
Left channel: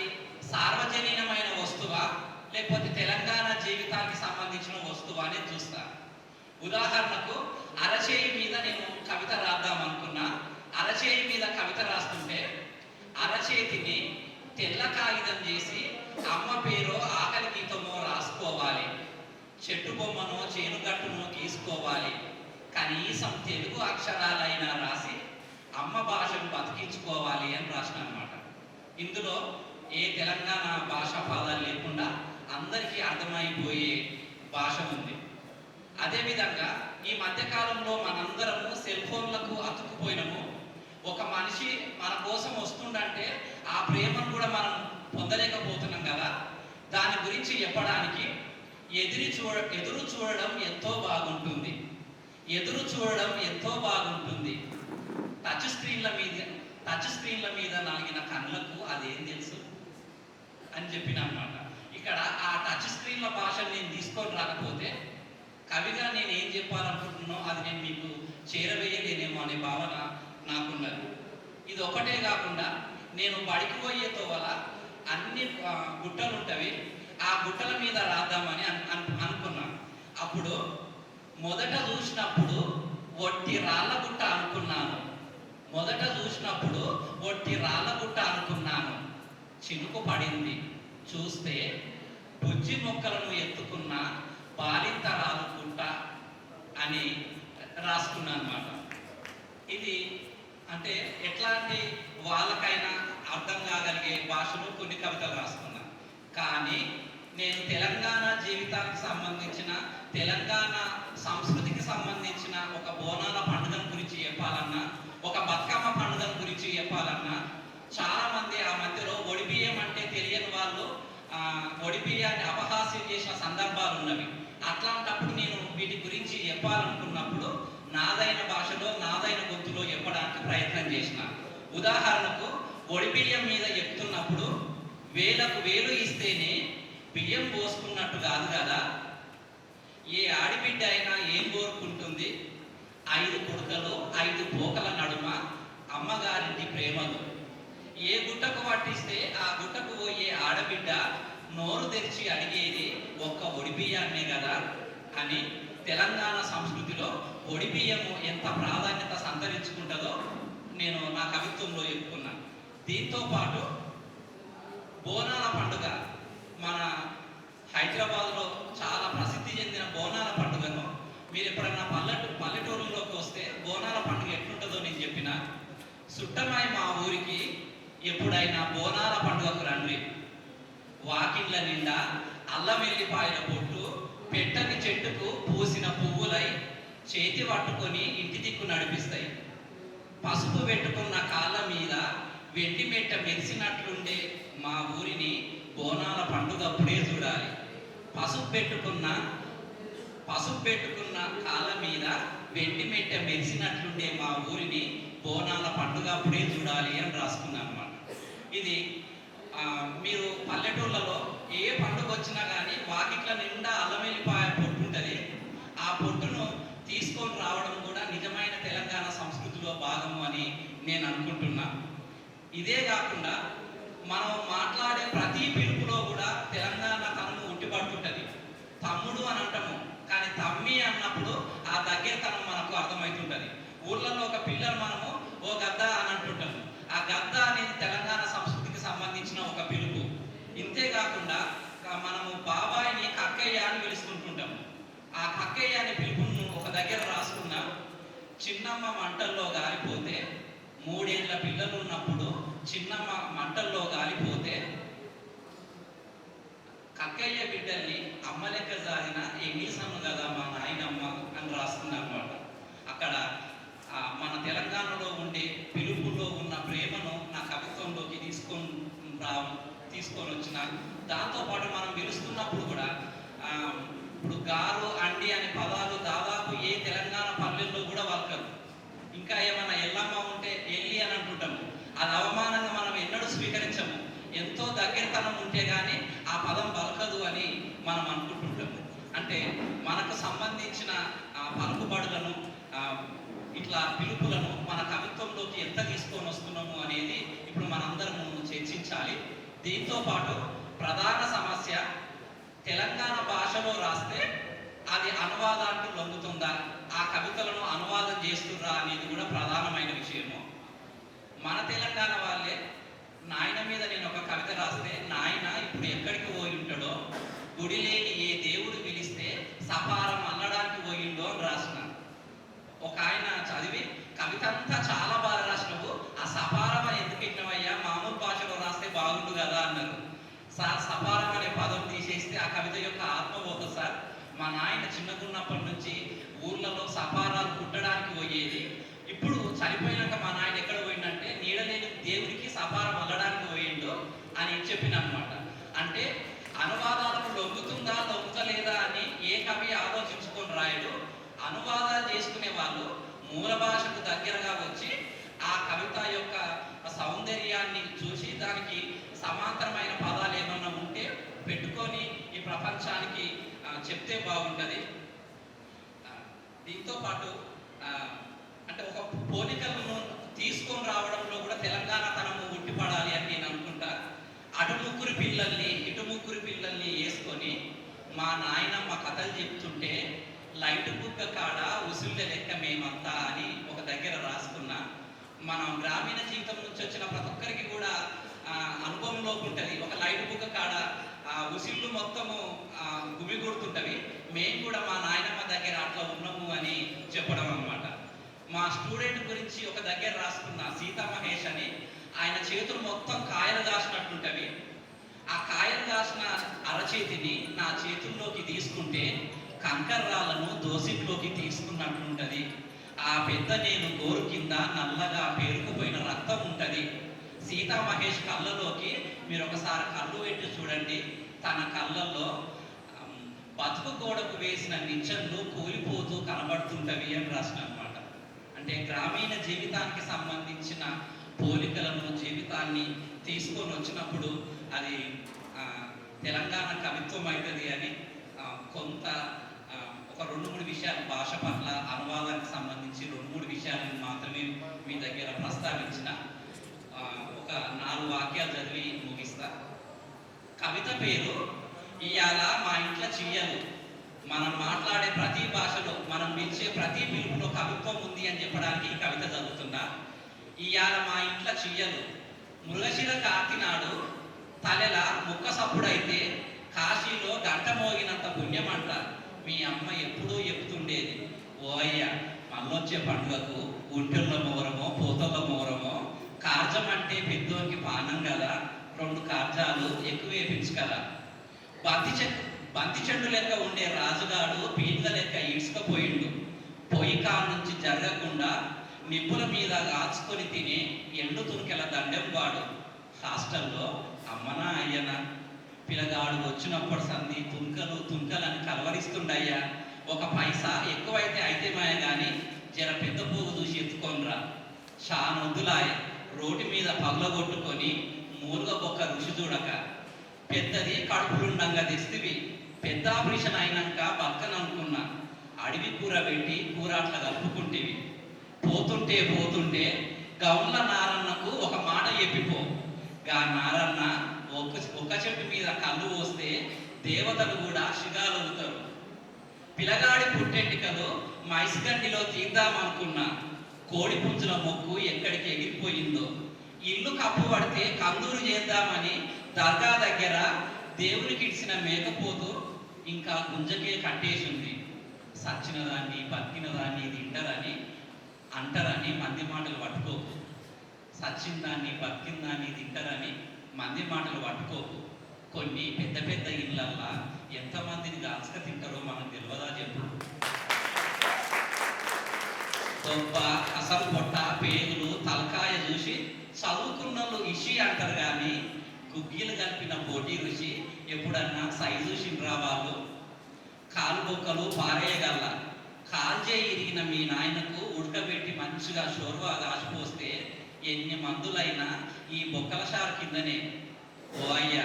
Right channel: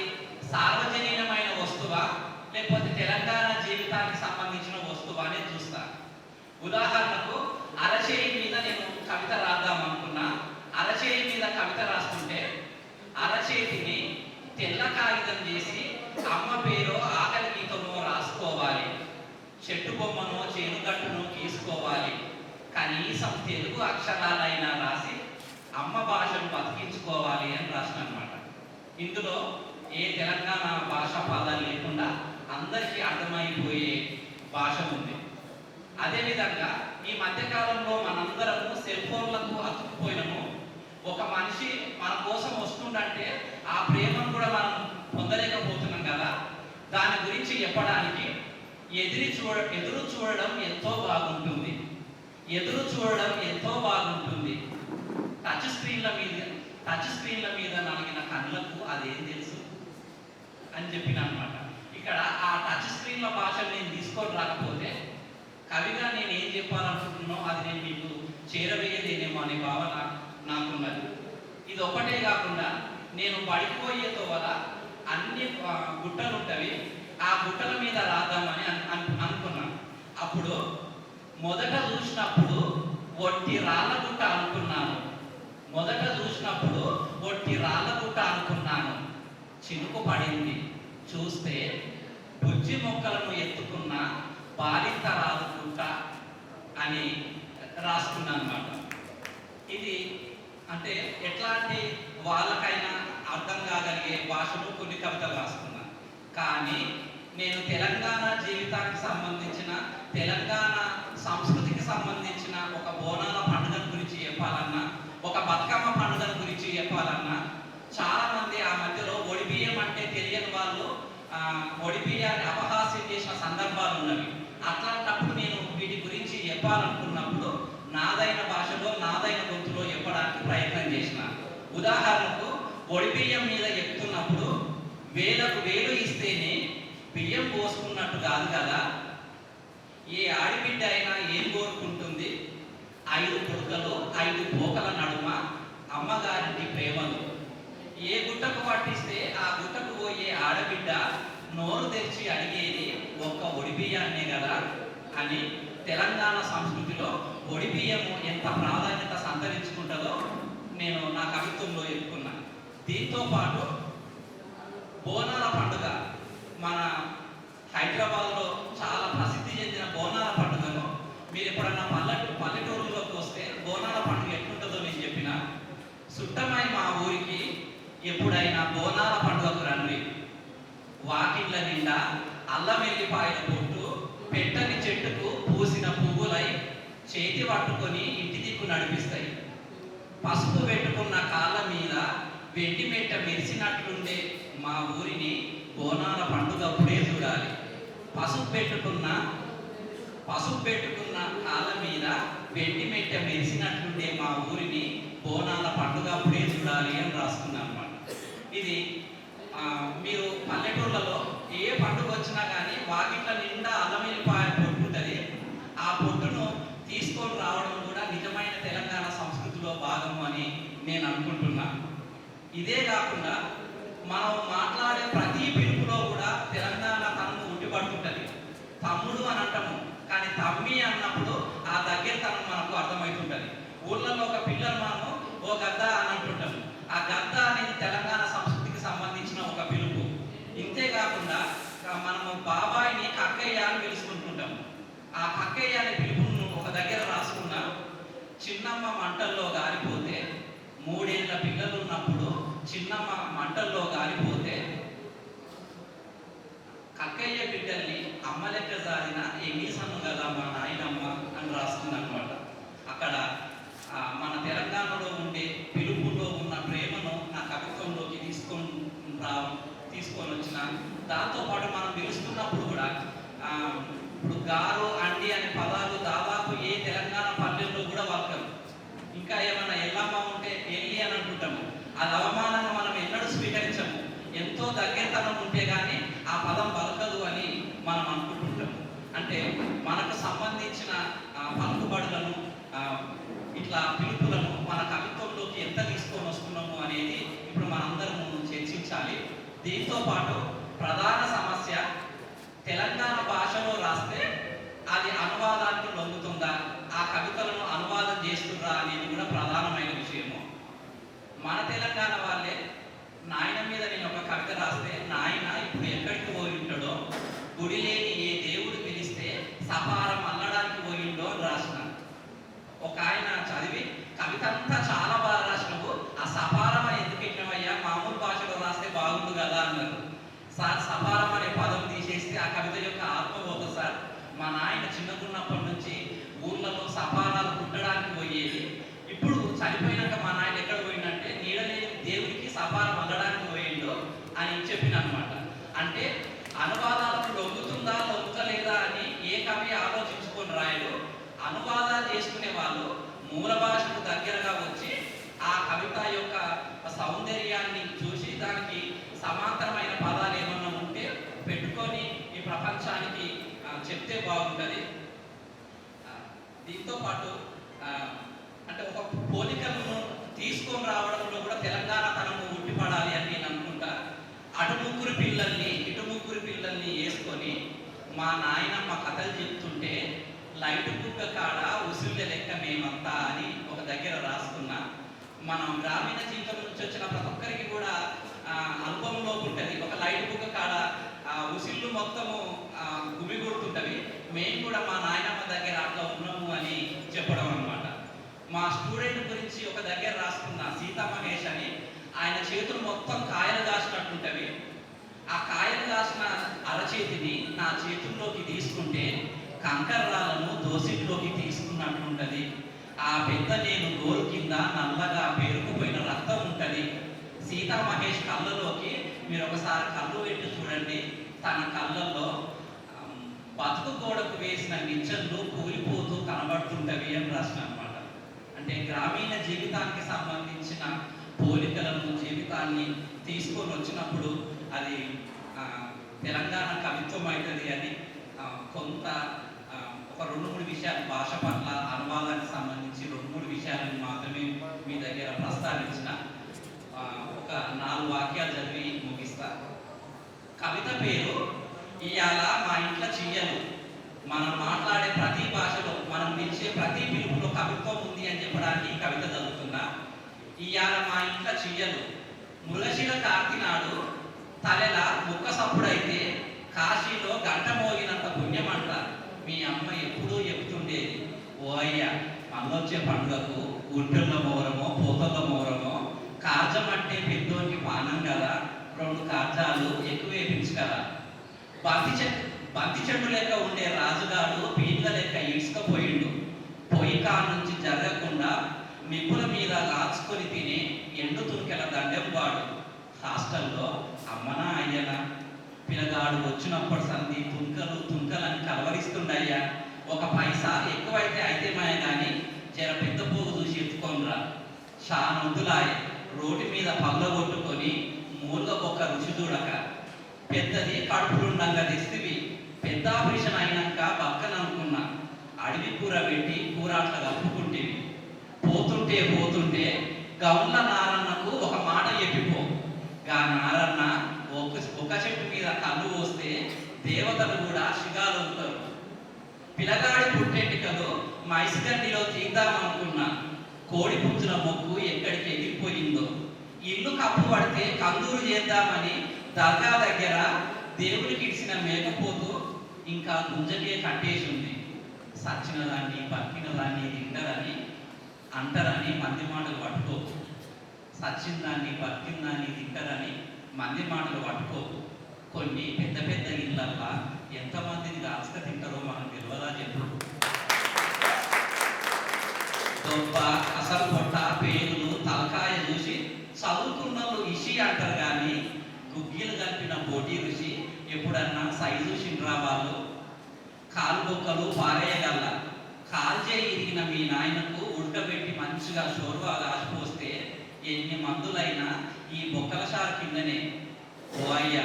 సార్వజనీనమైన వస్తువా లేకపోతే తెలంగాణ జీవితానికి సంబంధించిన వస్తువా అని చూస్తా. ఉదాహరణకు అరచేయి మీద నేను కవిత రాద్దాం అనుకున్నా. అరచేయి మీద కవిత రాస్తుంటే అరచేతిని తెల్ల కాగితం చేసి అమ్మ పేరో ఆకలి గీతమో రాసుకోవాలి, చెట్టు బొమ్మనో చేనుగట్టునో గీసుకోవాలి, కనీసం తెలుగు అక్షరాలైనా రాసి అమ్మ భాషను బతికించుకోవాలి అని రాసిన అనమాట. ఇందులో ఏ తెలంగాణ భాషా పదాలు లేకుండా అందరికీ అర్థమైపోయే భాష ఉంది. అదేవిధంగా ఈ మధ్యకాలంలో మనందరము సెల్ ఫోన్లకు అతుక్కుపోయినాము. ఒక మనిషి మన కోసం వస్తుందంటే ఆ ప్రేమను కూడా మనం పొందలేకపోతున్నాం కదా. దాని గురించి చెప్పడానికి ఎదురు చూడడం ఎంతో బాగుంటుంది, ఎదురు చూడడం ఎంతో బాగుంటుంది, టచ్ స్క్రీన్ల మీద నాగిన కళ్ళకు అదేం తెలుసు అని చెప్పిన అనమాట. ఇక్కడ ఆ టచ్ స్క్రీన్ల భాషను నేను తీసుకొని రాకపోతే కవిగా నేను ఏం చెప్పాలనుకుంటున్నానో అది నేను మీకు చేరవేయలేనేమో అనే భావన నాకున్నది. ఇది ఒకటే కాకుండా నేను బడికి పోయే తోవల అన్ని గుట్టలు ఉంటవి, ఆ గుట్టల మీద రాద్దామని అనుకున్నాను. అప్పుడు మొదట చూసినప్పుడు ఒట్టి రాళ్ళ గుట్ట అనుకున్నాను. చినుకు పడింది, చూస్తే బుజ్జి మొక్కలను ఎత్తుకున్న బాలింత రాదుకుంట అని రాసుకున్నాను అనమాట. ఇది అంటే ఎట్లాంటి వాళ్ళకైనా అర్థం కాగలిగే భాషలో కొన్ని కవితలు రాసుకున్నాను. కానీ నేను తెలంగాణ జీవితానికి సంబంధించిన, తెలంగాణ సంస్కృతికి సంబంధించిన ఒక బోనాల పండుగ గురించి చెప్పాలన్నా, ఒక బతుకమ్మ పండుగ గురించి చెప్పాలన్నా చాలా మంది ఆ మధ్యలో ఒడిబియ్యం అంటే తెలియని వాళ్ళు ఒడిబియ్యాన్ని అపహాస్యం చేసిన సందర్భాలు ఉన్నవి. అట్లాంటప్పుడు నేను వీటి గురించి చెప్పాలనుకున్నప్పుడు నాదైన భాషలో, నాదైన గొంతులో చెప్పడానికి ప్రయత్నం చేసిన. ఉదాహరణకు ఒడిబియ్యం మీద చెప్తున్నప్పుడు వేలకు వేలు ఇస్తేనే బియ్యం పోసుకున్నట్టు కాదు కదా, ఏ ఆడిబిడ్డ అయినా ఏం కోరుకుంటుంది, 5 పుడకలు 5 పోకల నడుమ అమ్మగారికి ప్రేమలు. ఏ గుట్టకు పట్టిస్తే ఆ గుట్టకు పోయే ఆడబిడ్డ నోరు తెరిచి అడిగేది ఒక్క ఒడిబియ్యాన్నే కదా అని తెలంగాణ సంస్కృతిలో ఒడిబియ్యము ఎంత ప్రాధాన్యత సంతరించుకుంటుందో నేను నా కవిత్వంలో చెప్పుకున్నాను. దీంతో పాటు బోనాల పండుగ మన హైదరాబాద్లో చాలా ప్రసిద్ధి చెందిన బోనాల పండుగను మీరు ఎప్పుడన్నా పల్లెటూరులోకి వస్తే బోనాల పండుగ ఎట్లుంటుందో నేను చెప్పిన సుట్టమై మా ఊరికి ఎప్పుడైనా బోనాల పండుగకు రండి. వాకిళ్ళ నిండా అల్లం వెల్లిపాయల పొట్టు పెట్టని చెట్టుకు పూసిన పువ్వులై చేతి పట్టుకొని ఇంటి దిక్కు నడిపిస్తాయి. పసుపు పెట్టుకున్న కాళ్ళ మీద వెండి మెట్ట మెరిసినట్లుండే మా ఊరిని బోనాల పండుగ అప్పుడే చూడాలి. పసుపు పెట్టుకున్న కాళ్ళ మీద వెండి మెట్ట మెరిసినట్లుండే మా ఊరిని బోనాల పండుగ అప్పుడే చూడాలి అని రాసుకున్నాను అన్నమాట. ఇది మీరు పల్లెటూళ్ళలో ఏ పండుగ వచ్చినా కానీ వాకిట్ల నిండా అల్లం వెల్లిపాయ పొట్టు ఉంటుంది. ఆ పొట్టును తీసుకొని రావడం కూడా నిజమైన తెలంగాణ సంస్కృతిలో భాగము అని నేను అనుకుంటున్నా. ఇదే కాకుండా మనం మాట్లాడే ప్రతి పిలుపులో కూడా తెలంగాణ తనము ఉట్టిపడుతుంటుంది. తమ్ముడు అని అంటాము, కానీ తమ్మి అన్నప్పుడు ఆ దగ్గరతనం మనకు అర్థమవుతుంటుంది. ఊళ్ళలో ఒక పిల్లలు మనము ఓ గద్ద అని అంటుంటాము. ఆ గద్ద అనేది తెలంగాణ సంస్కృతికి సంబంధించిన ఒక పిలుపు. ఇంతేకాకుండా మనము బాబాయిని కక్కయ్య అని పిలుచుకుంటుంటాము. ఆ కక్కయ్య అనే పిలుపును ఒక దగ్గర రాసుకున్న చిన్నమ్మ మంటల్లో గాలిపోతే 3 ఏళ్ల పిల్లలు ఉన్నప్పుడు చిన్నమ్మ మంటల్లో గాలిపోతే కక్కయ్య బిడ్డల్ని అమ్మ లెక్క సారిన ఎంగిసమ్మ కదా మా నాయనమ్మ అని రాస్తుందన్నమాట. అక్కడ మన తెలంగాణలో ఉండే పిలుపులో ఉన్న ప్రేమను నా కవిత్వంలోకి తీసుకొని వచ్చిన. దాంతోపాటు మనం పిలుస్తున్నప్పుడు కూడా ఇప్పుడు గారు అండి అనే పదాలు దాదాపు ఏ తెలంగాణ పల్లెల్లో కూడా వాడతారు. ఇంకా ఏమన్నా ఎల్లమ్మ ఉంటే ఎల్లి అని అనుకుంటాము. అది అవమానంగా మనం ఎన్నడూ స్వీకరించము. ఎంతో దగ్గరతనం ఉంటే కానీ ఆ పదం పలకదు అని మనం అనుకుంటుంటాము. అంటే మనకు సంబంధించిన పలుకుబడులను ఇట్లా పిలుపులను మన కవిత్వంలోకి ఎంత తీసుకొని వస్తున్నాము అనేది ఇప్పుడు మనందరము చర్చించాలి. దీంతో పాటు ప్రధాన సమస్య తెలంగాణ భాషలో రాస్తే అది అనువాదానికి లొంగుతుందా, ఆ కవితలను అనువాదం చేస్తుందా అనేది కూడా ప్రధానమైన విషయము. మన తెలంగాణ వాళ్ళే నాయన మీద నేను ఒక కవిత రాస్తే నాయన ఇప్పుడు ఎక్కడికి పోయి ఉంటాడో, గుడి లేని ఏ దేవుడు పిలిస్తే సపారం అల్లడానికి పోయిండో అని రాసిన. ఒక ఆయన చదివి కవిత అంతా చాలా బాగా రాసినవు, ఆ సపారం ఎందుకు ఇచ్చినవయ్యా, మామూలు భాషలో రాస్తే బాగుండు కదా అన్నారు. సార్ సపారం అనే పదం తీసేస్తే ఆ కవిత యొక్క ఆత్మ పోతుంది సార్. మా నాయన చిన్నకున్నప్పటి నుంచి ఊర్లలో సపారాలు కుట్టడానికి పోయేది. ఇప్పుడు చనిపోయినాక మా నాయన ఎక్కడ పోయిందంటే నీడలేని దేవుడికి సపారం అల్లడానికి పోయిండు అని చెప్పిన అనమాట. అంటే అనువాదాలకు లొంగుతుందా లొంగలేదా అని ఏ కవి ఆలోచించుకొని రాయడు. అనువాదాలు చేసుకునే వాళ్ళు మూల భాషకు దగ్గరగా వచ్చి ఆ కవిత యొక్క సౌందర్యాన్ని చూసి దానికి సమాంతరమైన పదాలు ఏమన్నా ఉంటే పెట్టుకొని ఈ ప్రపంచానికి చెప్తే బాగుంటుంది. దీంతో పాటు అంటే ఒక పోలికలను తీసుకొని రావడంలో కూడా తెలంగాణ తనము ఉట్టిపడాలి అని నేను అనుకుంటా. అటు ముగ్గురు పిల్లల్ని వేసుకొని మా నాయనమ్మ కథలు చెప్తుంటే లైట్ బుక్క కాడ ఉసుళ్ళ లెక్క మేమంతా అని ఒక దగ్గర రాసుకున్నా. మనం గ్రామీణ జీవితం నుంచి వచ్చిన ప్రతి ఒక్కరికి కూడా అనుభవంలో ఉంటుంది. ఒక లైట్ బుక్క కాడ ఉసిళ్ళు మొత్తము గుమిగూడుతుంటవి. మేము కూడా మా నాయనమ్మ దగ్గర అట్లా ఉన్నాము అని చెప్పడం అనమాట. మా స్టూడెంట్ గురించి ఒక దగ్గర రాసుకున్న సీతా మహేష్ అని, ఆయన చేతులు మొత్తం కాయలు కాసినట్టుంటవి. ఆ కాయలు కాసిన అరచేతిని నా చేతుల్లోకి తీసుకుంటే కంకర్రాలను దోసిట్లోకి తీసుకున్నట్లుంటది. ఆ పెద్ద నేను గోరు కింద నల్లగా పేరుకుపోయిన రక్తం ఉంటుంది. సీతా మహేష్ కళ్ళలోకి మీరు ఒకసారి కళ్ళు పెట్టి చూడండి. తన కళ్ళల్లో బతుకు గోడకు వేసిన నిచ్చెనలు కూలిపోతూ కనబడుతుంటవి అని రాసిన అనమాట. అంటే గ్రామీణ జీవితానికి సంబంధించిన పోలికలను జీవితాన్ని తీసుకొని వచ్చినప్పుడు అది తెలంగాణ కవిత్వం అవుతుంది అని కొంత ఒక 2-3 విషయాలు భాష పట్ల అనువాదానికి సంబంధించి 2-3 విషయాలను మాత్రమే మీ దగ్గర ప్రస్తావించిన. ఒక 4 వాక్యాలు చదివి ముగిస్తా. కవిత పేరు ఇయాల మా ఇంట్లో చెయ్యలు. మనం మాట్లాడే ప్రతి భాషలో మనం పిలిచే ప్రతి పిలుపులో కవిత్వం ఉంది అని చెప్పడానికి ఈ కవిత చదువుతున్నా. ఇయాల మా ఇంట్లో చెయ్యలు మృగశిర కార్తి నాడు తలెల ముక్క సప్పుడైతే కాశీలో గంట మోగినంత పుణ్యం అంట. మీ అమ్మ ఎప్పుడూ చెప్తుండేది, ఓ అయ్యా మళ్ళొచ్చే పండుగకు గుంటల్లో మోరమో పోతల్లో మోరమో కార్జం అంటే పెద్దోనికి పానం కదా, 2 కార్జాలు ఎక్కువ వేపించు కదా. బంతి చెట్టు లెక్క ఉండే రాజుగాడు పీన్ల లెక్క ఇసుకపోయిండు. పొయ్యి కాడ నుంచి జరగకుండా నిప్పుల మీద కాచుకొని తిని ఎండు తుంకెల దండెం వాడు. హాస్టల్లో అమ్మనా అయ్యనా పిల్లగాడు వచ్చినప్పటి సంది తుంకలని కలవరిస్తుండయ్యా. 1 పైసా ఎక్కువైతే అయితే మాయ కానీ జర పెద్ద పువ్వు చూసి ఎత్తుకొనిరా. షానొద్దులాయ రోడ్డు మీద పళ్ళగొట్టుకొని మూలుగ ఒక్క రుచి చూడక. పెద్దది కడుపులుండంగా తెస్తివి, పెద్ద ఆపరేషన్ అయినాక పక్కన అనుకున్నా. అడవి కూర పెట్టి కూర అట్లా కలుపుకుంటేవి. పోతుంటే గౌన్ల నారన్నకు ఒక మాట చెప్పిపో. గా నారన్న ఒక చెట్టు మీద కళ్ళు పోస్తే దేవతలు కూడా శిగాలు ఉంటారు. పిల్లగాడి పుట్టెంటికలు మైసిగండిలో తీద్దామనుకున్నా. కోడి పుంజుల మొక్కు ఎక్కడికి ఎగిరిపోయిందో. ఇల్లు కప్పు పడితే కందూరు చేద్దామని దర్గా దగ్గర దేవునికి ఇచ్చిన మేకపోతూ ఇంకా గుంజకే కట్టేసింది. సచ్చిన దాన్ని బతికిన దాన్ని తింటారని అంటారని మంది మాటలు పట్టుకోకు. సచ్చిన దాన్ని బతికిన దాన్ని తింటారని మంది మాటలు పట్టుకోకు. కొన్ని పెద్ద పెద్ద ఇళ్ళల్లా ఎంతమందిని రాసుక తింటారో మనకు తెలియదా చెప్పు. దొబ్బ అసలు పొట్ట పేరులు తలకాయ చూసి చదువుకున్నోళ్ళు ఇషి అంటారు కానీ గుగ్గిలు కలిపిన పోటీ రుచి ఎప్పుడన్నా సైజు వాళ్ళు. కాలు బొక్కలు పారేయగల కాల్జే ఇరిగిన మీ నాయనకు ఉడకబెట్టి మంచిగా షోర్వా దాచిపోస్తే ఎన్ని మందులైనా ఈ బొక్కల షారు కిందనే. ఓ అయ్యా